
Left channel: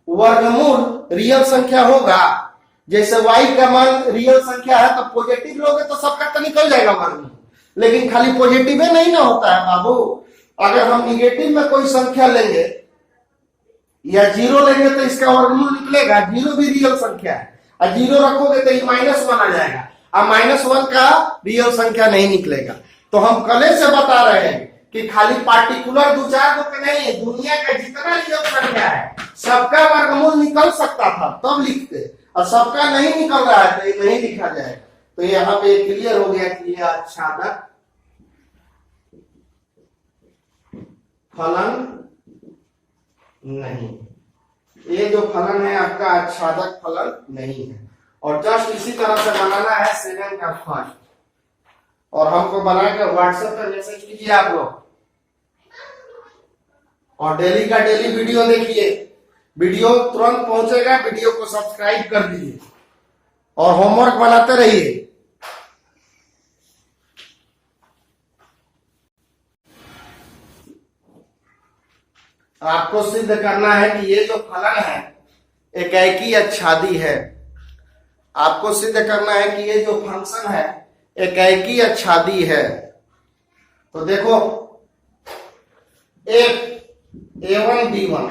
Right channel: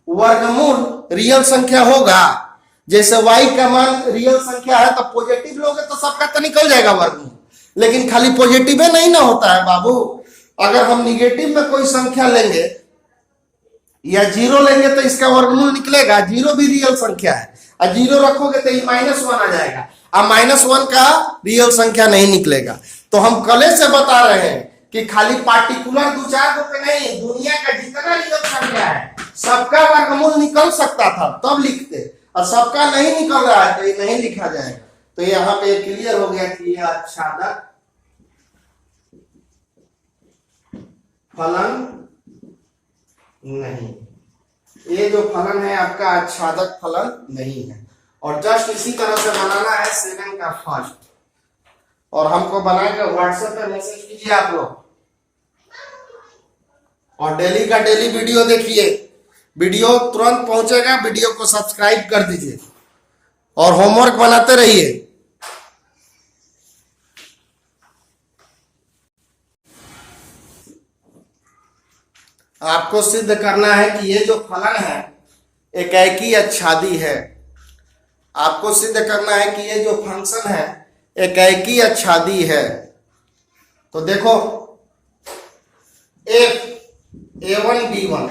वर्गमूल रियल संख्या होगा। जैसे y का मान रियल संख्या है तो पॉजिटिव लोगे तो सबका तो निकल जाएगा वर्गमूल, लेकिन खाली पॉजिटिव ही नहीं ना होता है बाबू। अगर हम निगेटिव में कोई संख्या लेंगे या 0 लेंगे तो इसका वर्गमूल निकलेगा। 0 भी रियल संख्या है, और 0 रखोगे तो -1 आ जाएगा, अब -1 का रियल संख्या नहीं निकलेगा। तो हम कले से बता रहे हैं कि खाली पार्टिकुलर 2-4 को पे नहीं, दुनिया का जितना रियल संख्या है सबका वर्गमूल निकल सकता था तब लिखते, और सबका नहीं निकल रहा है तो ये नहीं लिखा जाएगा। तो यहाँ पे क्लियर हो गया कि ये आच्छादक फलन नहीं, ये जो फलन है आपका आच्छादक फलन नहीं है। और जस्ट इसी तरह से बनाना है 7 का फर्स्ट, और हमको बनाकर व्हाट्सएप पे मैसेज कीजिए आप लोग, और डेली का डेली वीडियो देखिए, वीडियो तुरंत पहुंचेगा, वीडियो को सब्सक्राइब कर दीजिए और होमवर्क बनाते रहिए। आपको सिद्ध करना है कि ये जो फलन है एकाकी आच्छादी है। आपको सिद्ध करना है कि ये जो फंक्शन है एकाकी आच्छादी है। तो देखो f a1 b1,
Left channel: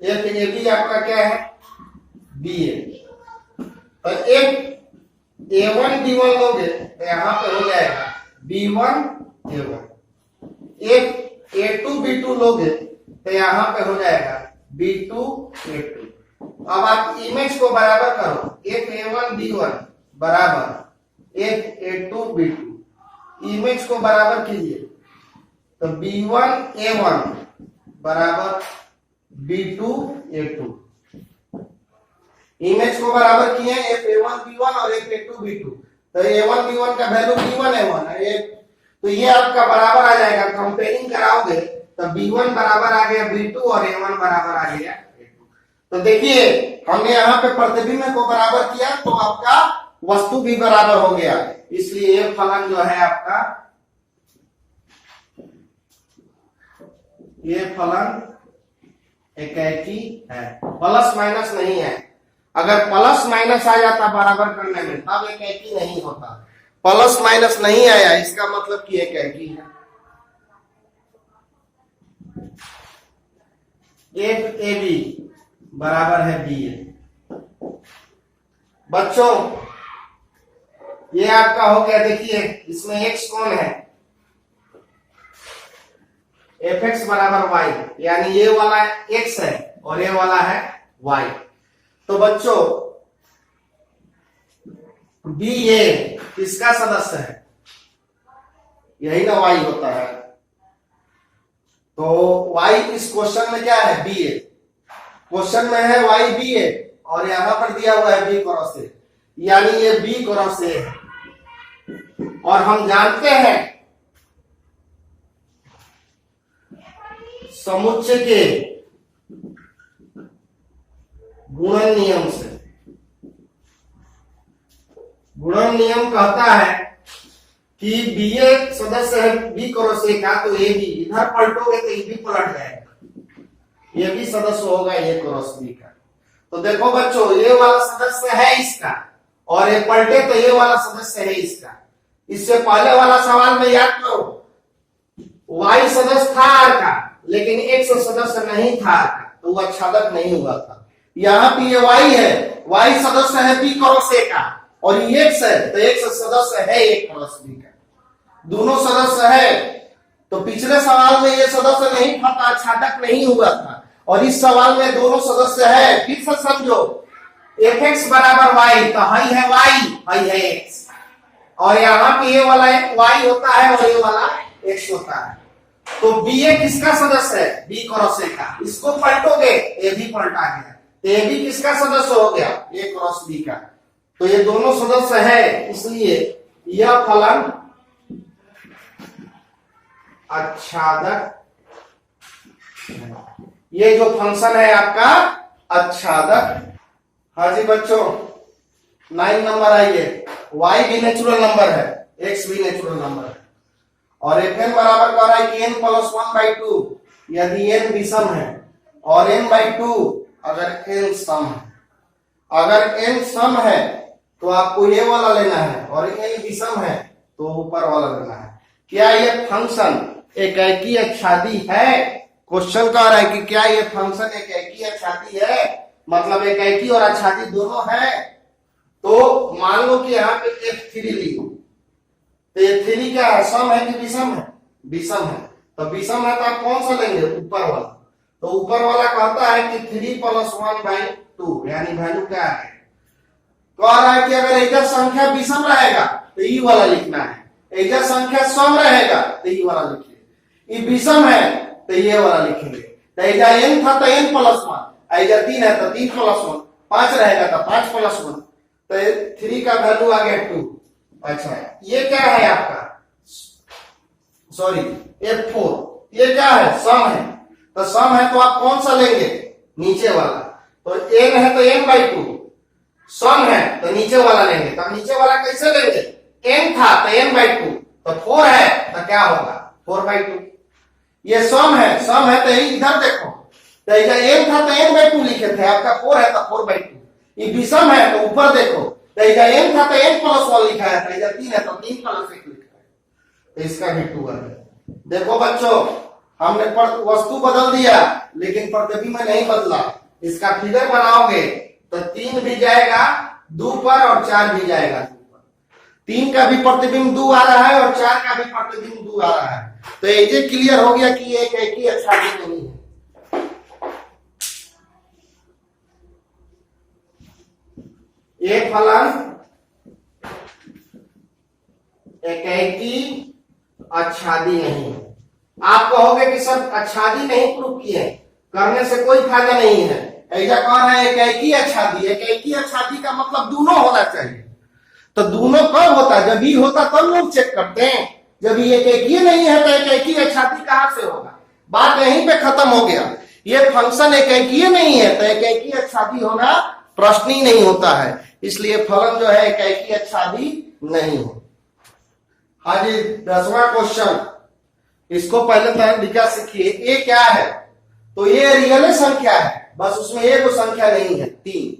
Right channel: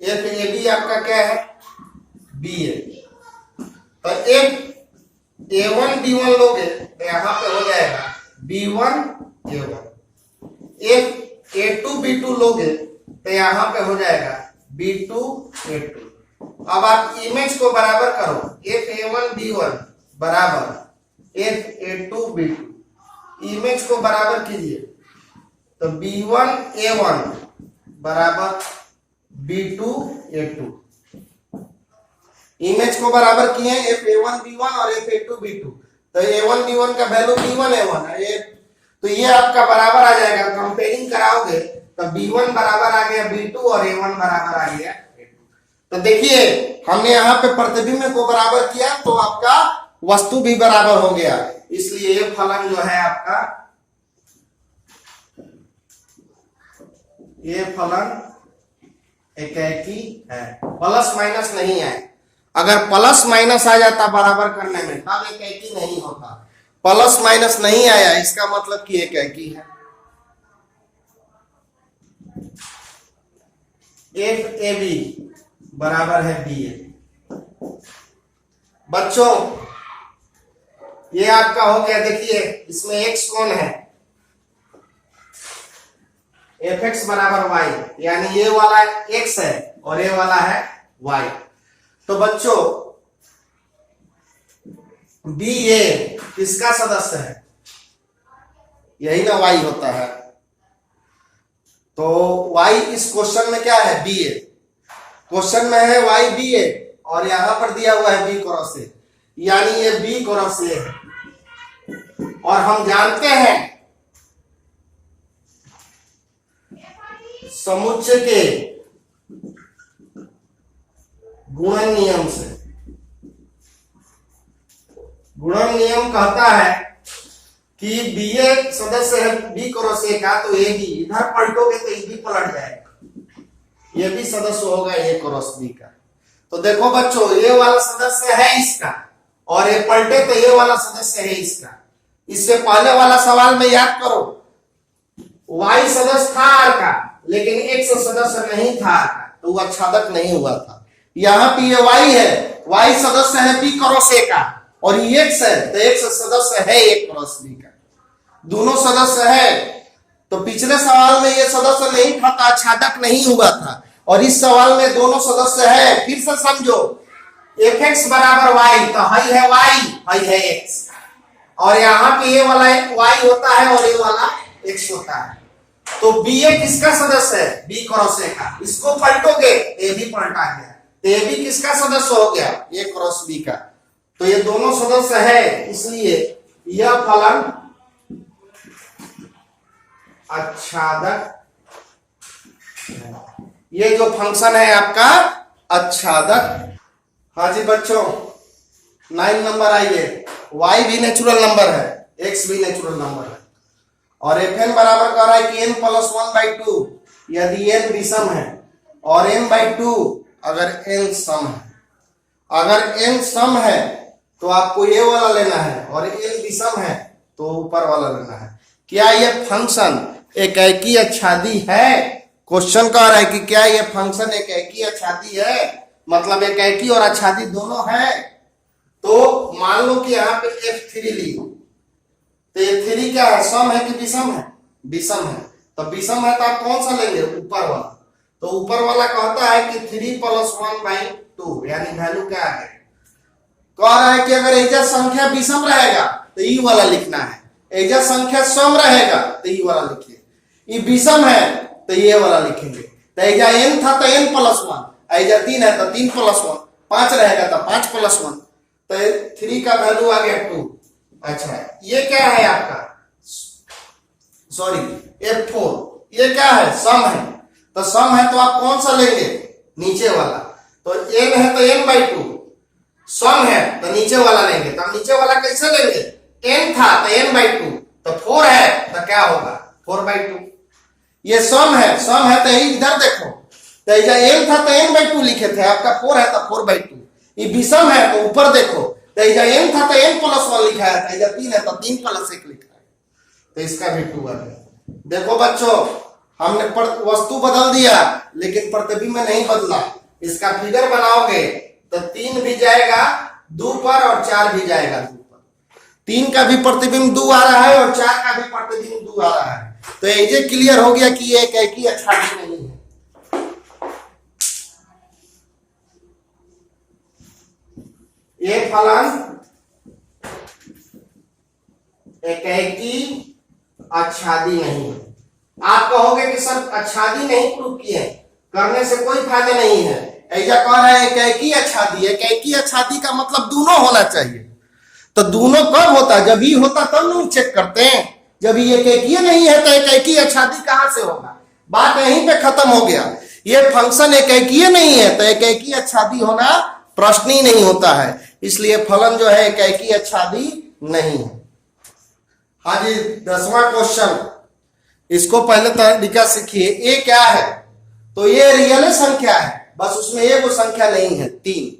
f a b आपका क्या है? ba। तो f a1 b1 लोगे तो यहां पे हो जाएगा b1 a1। f a2 b2 लोगे तो यहां पे हो जाएगा b2 a2। अब आप इमेज को बराबर करो, f a1 b1 बराबर f a2 b2, इमेज को बराबर कीजिए तो b1 a1 बराबर b2 a2। इमेज को बराबर किए f a1 b1 और f a2 b2, तो a1 b1 का वैल्यू b1 a1 है, तो ये आपका बराबर आ जाएगा। कंपेयरिंग कराओगे तो b1 बराबर आ गया b2 और a1 बराबर आ गया a2। तो देखिए हमने यहाँ पे प्रतिबिंब को बराबर किया तो आपका वस्तु भी बराबर हो गया, इसलिए ये फलन जो है आपका, ये फलन एकाकी है, प्लस माइनस नहीं है। अगर प्लस माइनस आ जाता बराबर करने में तब एकाकी नहीं होता, प्लस माइनस नहीं आया इसका मतलब कि एकाकी है। एफ ए बी बराबर है बी ए। बच्चों ये आपका हो गया, देखिए इसमें x कौन है? एफ एक्स बराबर वाई, यानी ये वाला x है और ये वाला है y। तो बच्चों बी ए किसका सदस्य है? यही ना y होता है। तो y इस क्वेश्चन में क्या है? बी ए। क्वेश्चन में है y बी ए और यहां पर दिया हुआ है b क्रॉस ए, यानी ये b क्रॉस ए है। और हम जानते हैं समुच्चय के गुणन नियम से, गुणन नियम कहता है कि बी ए सदस्य है बी क्रॉस ए का, तो ए बी इधर पलटोगे तो ए बी पलट जाएगा, ये भी सदस्य होगा ए क्रॉस बी का। तो देखो बच्चों ये वाला सदस्य है इसका, और ये पलटे तो ये वाला सदस्य है इसका। इससे पहले वाला सवाल में याद करो, y सदस्य था r का, लेकिन x सदस्य नहीं था r का, तो वो आच्छादक नहीं हुआ था। यहाँ पे ये y है, y सदस्य है b क्रॉस a का, और ये x है तो x सदस्य है a क्रॉस b का, दोनों सदस्य है। तो पिछले सवाल में ये सदस्य नहीं था, आच्छादक नहीं हुआ था, और इस सवाल में दोनों सदस्य है। फिर से समझो, fx बराबर y, तो हई है y, हई है x, और यहाँ पे ये वाला y होता है और ये वाला x होता है। तो ba किसका सदस्य है? b क्रॉस a का। इसको पलटोगे a भी पलटा गया, तो a भी किसका सदस्य हो गया? a क्रॉस b का। तो ये दोनों सदस्य है, इसलिए यह फलन आच्छादक, ये जो फंक्शन है आपका आच्छादक। हाँ जी बच्चों, 9 नंबर आइए। y भी नेचुरल नंबर है, x भी नेचुरल नंबर है, और fn बराबर कर रहा है कि n प्लस 1/2 यदि n विषम है, और n/2 अगर n सम है। अगर n सम है तो आपको ये वाला लेना है, और n विषम है तो ऊपर वाला लेना है। क्या ये फंक्शन एकेकी आच्छादी है? क्वेश्चन कह रहा है कि क्या ये फंक्शन एकेकी आच्छादी है, मतलब एकेकी और आच्छादी दोनों है। तो मान लो कि यहाँ पे f3 ली, तो f3 क्या है? सम है कि विषम है? विषम है। तो विषम है तो आप कौन सा लेंगे? ऊपर वाला। तो ऊपर वाला कहता है कि 3 + 1/2, यानी वैल्यू क्या है? कह रहा है कि अगर एजा संख्या विषम रहेगा तो ई वाला लिखना है, एजा संख्या सम रहेगा तो ई वाला लिखिए, ये विषम है तो ये वाला लिखेंगे। तो एजा n था तो n + 1, एजा 3 है तो 3 + 1, 5 रहेगा तो 5 + 1, तो 3 का वैल्यू आ गया 2। अच्छा, ये क्या है आपका? सॉरी, f4, ये क्या है? सम है। तो सम है तो आप कौन सा लेंगे? नीचे वाला। तो n है तो n/2, सम है तो नीचे वाला लेंगे। तो नीचे वाला कैसे लेंगे? n था तो n/2, तो 4 है तो क्या होगा? 4/2। ये सम है, सम है तो इधर देखो, तो n था तो n/2 लिखे थे, आपका 4 है तो 4/2। ये विषम है तो ऊपर देखो, तो n था तो n + 1 लिखा है, तो 3 है तो 3 + 1 लिखा है, तो इसका भी 2 है। देखो बच्चों, हमने वस्तु बदल दिया लेकिन प्रतिबिंब नहीं बदला। इसका फिगर बनाओगे तो 3 भी जाएगा 2 पर और 4 भी जाएगा 2 पर। 3 का भी प्रतिबिंब 2 आ रहा है और 4 का भी प्रतिबिंब 2 आ रहा है। तो ये क्लियर हो गया कि ये एकेकी आच्छादी नहीं है। ये फलन एकेकी आच्छादी नहीं है। आप कहोगे कि सर आच्छादी नहीं प्रूव किए, करने से कोई फायदा नहीं है। ऐसा कह रहा है एकेकी आच्छादी। एकेकी आच्छादी का मतलब दोनों होना चाहिए। तो दोनों कब होता है? जब ही होता तब लोग चेक करते हैं। जब ये एकेकी नहीं है तो एकेकी आच्छादी कहां से होगा? बात यहीं पे खत्म हो गया। ये फंक्शन एकेकी नहीं है तो एकेकी आच्छादी होना प्रश्न ही नहीं होता है। इसलिए फलन जो है एकेकी आच्छादी नहीं है। हाँ जी, 10वां क्वेश्चन, इसको पहले तरीका सीखिए। ए क्या है? तो ये रियल संख्या है, बस उसमें एक संख्या नहीं है, 3।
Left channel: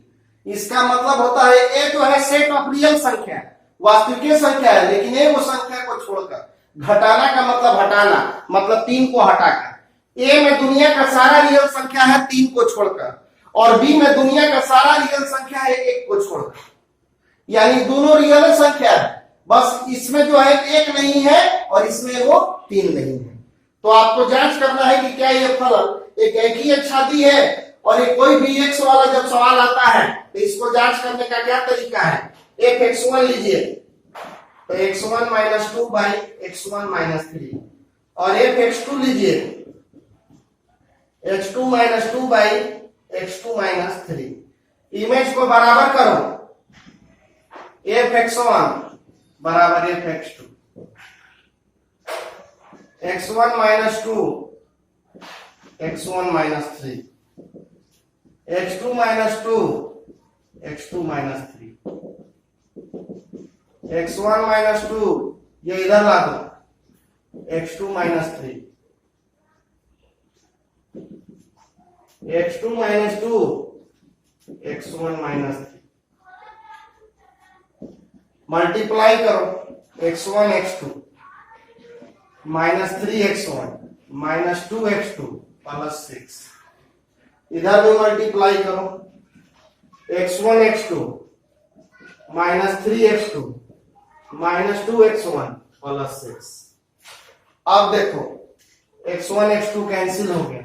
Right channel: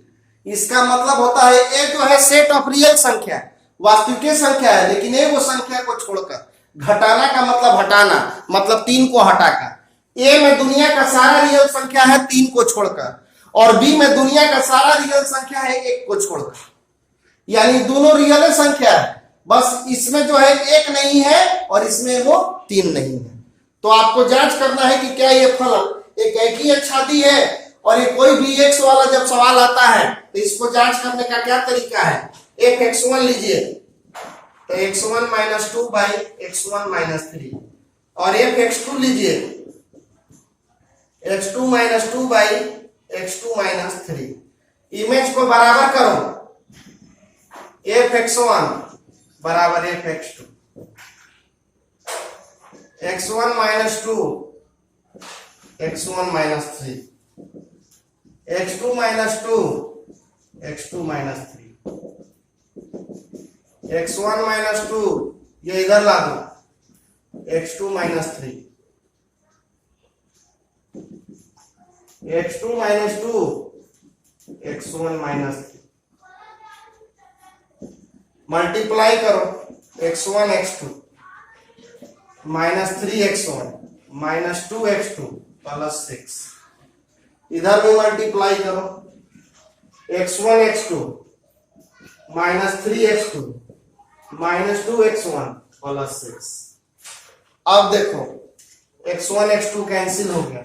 इसका मतलब होता है ए जो है सेट ऑफ रियल संख्या, वास्तविक संख्या है, लेकिन एक संख्या को छोड़कर। घटाना का मतलब हटाना, मतलब 3 को हटाकर। ए में दुनिया का सारा रियल संख्या है 3 को छोड़कर, और बी में दुनिया का सारा रियल संख्या है 1 को छोड़कर। यानी दोनों रियल संख्या है, बस इसमें जो है 1 नहीं है और इसमें वो 3 नहीं है। तो आपको जांच करना है कि क्या ये फलन एकेकी आच्छादी है। और ये कोई भी x वाला जब सवाल आता है तो इसको जांच करने का क्या तरीका है? fx1 लीजिए, तो x1 - 2/x1 - 3, और fx2 लीजिए, x2 - 2/x2 - 3। इमेज को बराबर करो, fx1 बराबर fx2, x1 - 2 x1 - 3, x2 - 2 x2 - 3, x1 - 2 ये इधर ला दो, x2 - 3, x2 - 2 x1 - 3। मल्टीप्लाई करो, x1 x2 -3x1 -2x2 + 6। इधर भी मल्टीप्लाई करो, x1 x2 minus 3x2 minus 2x1 plus 6। अब देखो x1 x2 कैंसिल हो गया,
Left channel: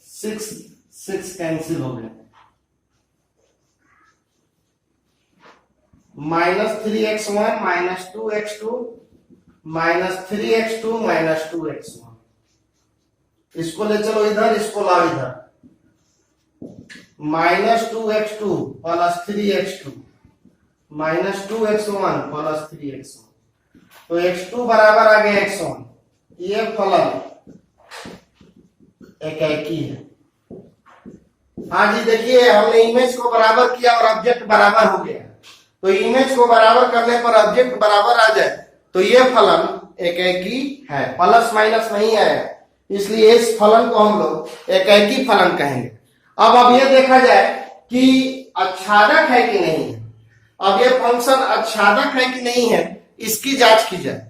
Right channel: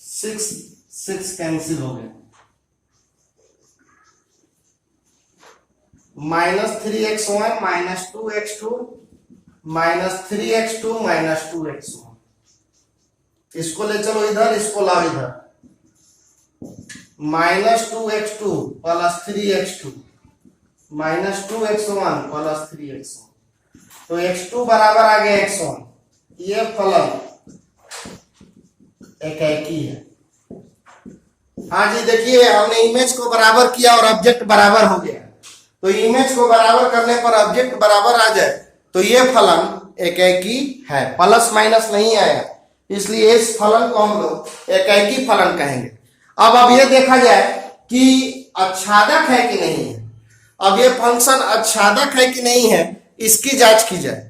6 कैंसिल हो गया, minus 3x1 minus 2x2 minus 3x2 minus 2x1। इसको ले चलो इधर, इसको लाओ इधर, minus 2x2 plus 3x2 minus 2x1 plus 3x1। तो x2 बराबर आ गया x1। ये फलन एकाकी है। हाँ जी, देखिए हमने इमेज को बराबर किया और ऑब्जेक्ट बराबर हो गया। तो इमेज को बराबर करने पर ऑब्जेक्ट बराबर आ जाए तो ये फलन एकाकी है, प्लस माइनस नहीं आया, इसलिए इस फलन को हम लोग एकाकी फलन कहेंगे। अब ये देखा जाए कि आच्छादक है कि नहीं है। अब ये फंक्शन आच्छादक है कि नहीं है, इसकी जांच की जाए।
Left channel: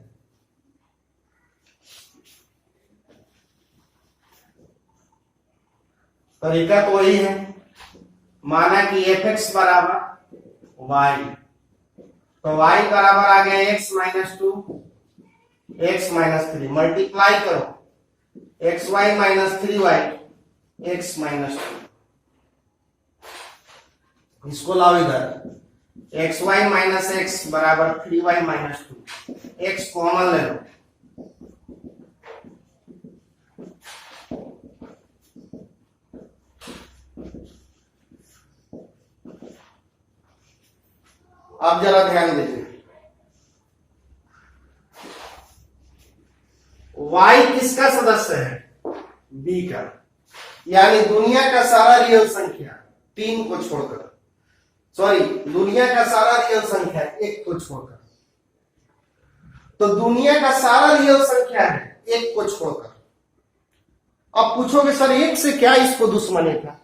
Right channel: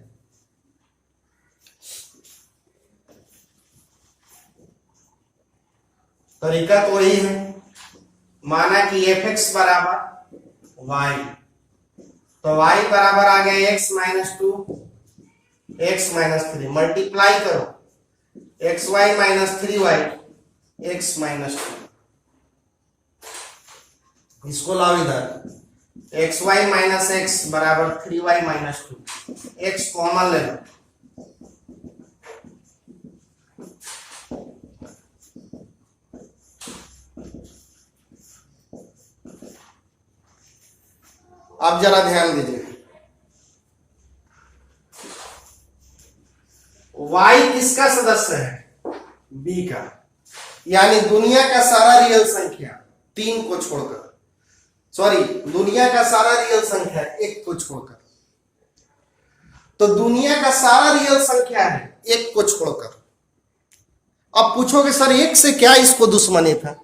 तरीका तो वही है, माना कि fx बराबर y, तो y बराबर आ गया x minus 2 x minus 3, multiply करो xy minus 3y x minus 2। इसको लाओ इधर, xy माइनस x बराबर 3y माइनस 2, x कॉमन ले लो, अब जरा ध्यान दीजिए, y किसका सदस्य है? b का, यानी दुनिया का सारा रियल संख्या 3 को छोड़कर, सॉरी दुनिया का सारा रियल संख्या 1 को छोड़कर, तो दुनिया का सारा रियल संख्या है 1 को छोड़कर। अब पूछोगे सर 1 से क्या इसको दुश्मनी था?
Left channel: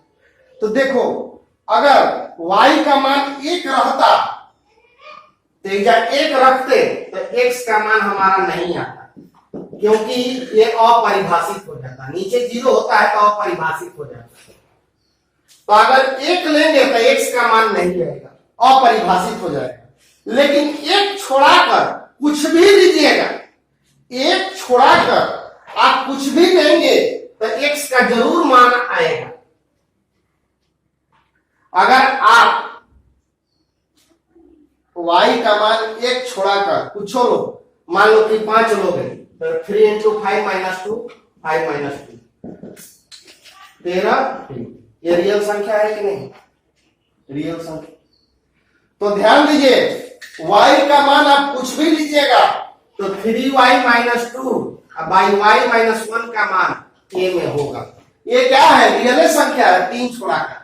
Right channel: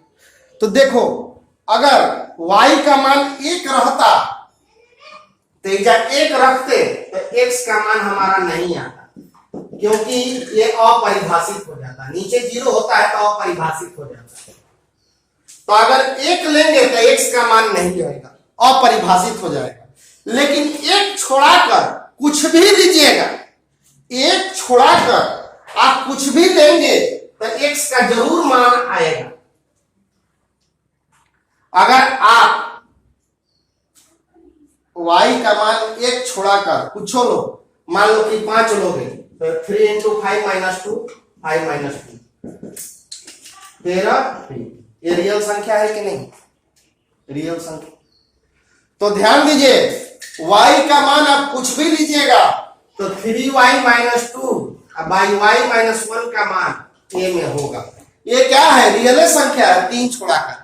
तो देखो अगर y का मान 1 रहता तो जब 1 रखते तो x का मान हमारा नहीं आता, क्योंकि ये अपरिभाषित हो जाता, नीचे 0 होता है तो अपरिभाषित हो जाता है। तो अगर 1 लेंगे तो x का मान नहीं आएगा, अपरिभाषित हो जाएगा। लेकिन 1 छोड़ाकर कुछ भी लीजिएगा, 1 छोड़ाकर आप कुछ भी लेंगे तो x का जरूर मान आएगा। अगर आप y का मान 1 छोड़ाकर कुछ लो, मान लो कि 5 लोगे तो 3 इंटू 5 माइनस 2 5 माइनस 2 13। ये रियल संख्या है कि नहीं? रियल संख्या। तो ध्यान दीजिए y का मान आप कुछ भी लीजिएगा तो 3y minus 2 by y minus 1 का मान a में होगा। ये क्या है? रियल संख्या है 3 छोड़ाकर।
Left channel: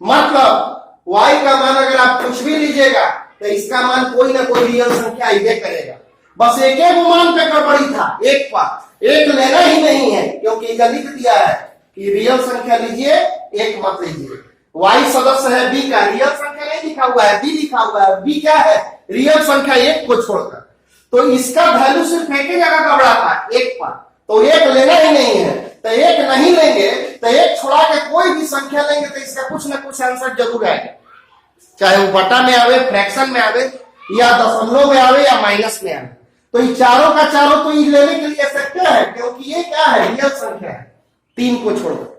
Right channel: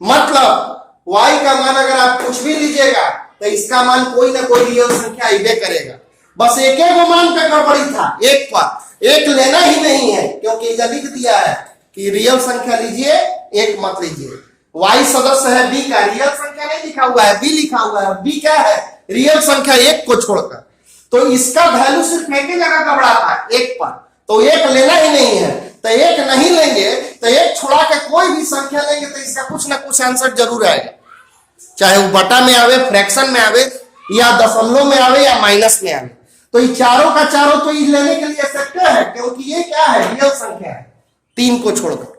मतलब y का मान अगर आप कुछ भी लीजिएगा तो इसका मान कोई ना कोई रियल संख्या इबे करेगा। बस एक मान पे गड़बड़ी था, 1 पर 1 लेना ही नहीं है, क्योंकि इधर लिख दिया है कि रियल संख्या लीजिए 1 मत लीजिए। y सदस्य है b का, रियल संख्या नहीं लिखा हुआ है, b लिखा हुआ है। b क्या है? रियल संख्या 1 को छोड़कर। तो इसका वैल्यू सिर्फ एक ही जगह गड़बड़ा था, 1 पर, तो 1 लेना ही नहीं है। तो 1 नहीं लेंगे तो 1 छोड़ा के कोई भी संख्या लेंगे तो इसका कुछ ना कुछ आंसर जरूर आएगा, चाहे वो बटा में आवे, फ्रैक्शन में आवे, या दशमलव में आवे, या माइनस में आवे। तो ये चारों का चारों तो ये लेने के लिए फैक्टर है, क्योंकि ये क्या है? रियल संख्या है 3 को छोड़कर।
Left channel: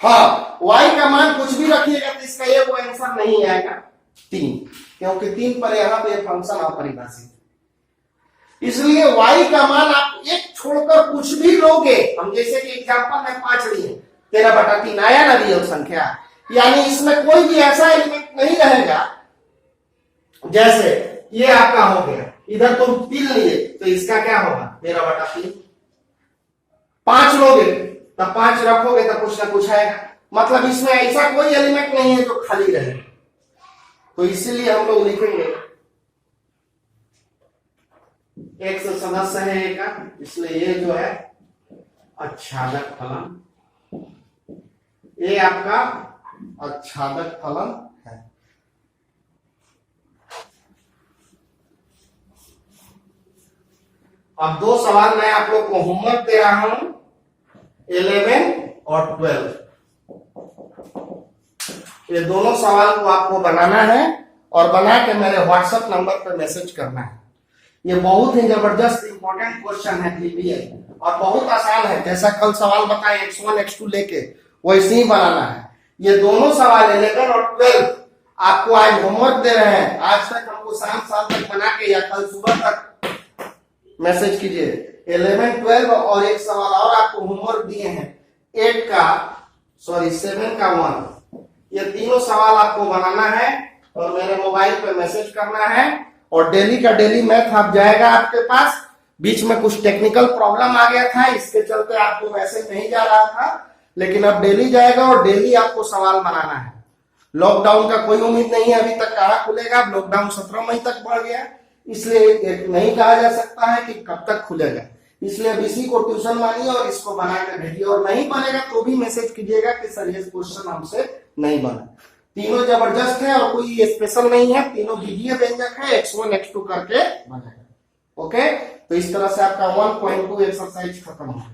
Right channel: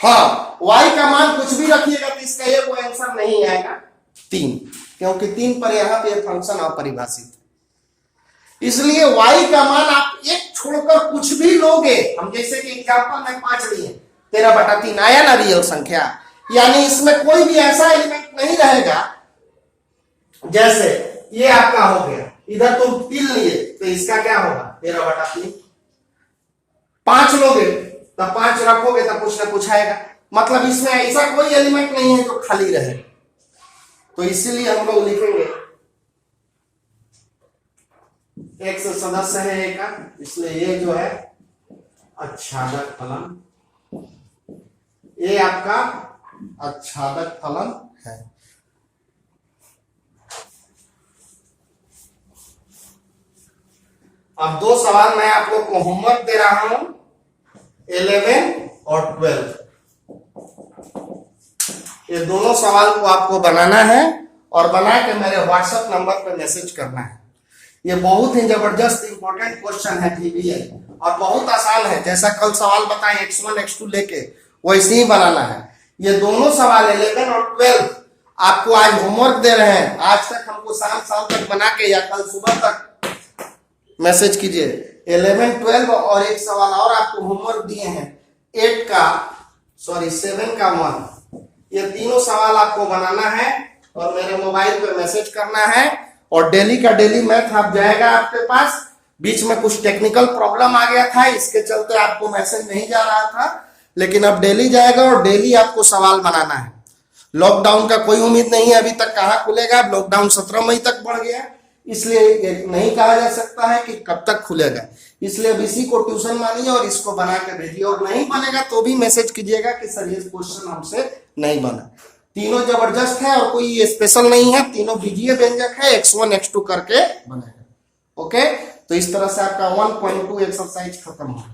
हाँ, y का मान कुछ भी रखिएगा तो इसका ये वो आंसर नहीं आएगा 3, क्योंकि 3 पर यहाँ पे फंक्शन अपरिभाषित। इसलिए y का मान आप 1 छोड़कर कुछ भी लोगे, हम जैसे कि एग्जांपल में 5 लिए, 13/3 आया ना रियल संख्या, यानी इसमें कोई भी ऐसा एलिमेंट नहीं रहेगा। जैसे ये आपका हो गया, इधर तुम 3 लिए तो इसका क्या होगा? 13/3। 5 लोगे तब 5 रखोगे तब कुछ ना कुछ आएगा। मतलब इसमें ऐसा कोई एलिमेंट नहीं है जो खाली रहे। तो इसीलिए हम लोग लिखेंगे x सदस्य है a का, इसलिए ये जो है आच्छादक फलन, ये आपका आच्छादक फलन है। अब 2 सवाल मैं आप लोग को होमवर्क दे रहा हूं, 11 और 12। ये दोनों सवाल को आपको बनाना है और बना के मेरे व्हाट्सएप नंबर पे मैसेज करना है। ये बहुत ही जबरदस्त इंपॉर्टेंट क्वेश्चन है TBI और बहुत आसान है। जैसा कल सवाल बताए x1 x2 लेके वैसे ही बनाना है। ये दोनों सवाल 11 और 12 आपको आज होमवर्क दे रहे हैं। आज तक हमको शाम तक बना के या कल सुबह तक मैसेज कीजिए। 11, 12 और एक सवाल और आपको होमवर्क दिए हैं 7 का 1। ये तीनों सवाल आपको बनाना है और मेरे मोबाइल पे मैसेज करना है और डेली का डेली मैथ आप जाएगा आपके पास। बीच में कुछ टेक्निकल प्रॉब्लम आ गया था, इसके चलते आपको मैसेज नहीं जा रहा था, लेकिन अब डेली जाएगा और डेली आपको सवाल बनाना है। लॉकडाउन का कोई उम्मीद नहीं है, अभी तक कहाँ खुलेगा। लॉकडाउन 17 मई तक बढ़ गया, इसलिए नहीं कहा जा सकता है कि कब तक खुलेगा। इसलिए अब इसी को ट्यूशन मानिए और इसको बना के भेजिए। और नहीं बनेगा तो भी मैसेज कीजिएगा कि सर ये क्वेश्चन हमसे नहीं बना। तीनों जबरदस्त है और कोई स्पेशल नहीं है, तीनों बीजीय व्यंजक है। x1 x2 करके बनाएगा। ओके, तो इस तरह से आपका 1.2 एक्सरसाइज खत्म हुआ।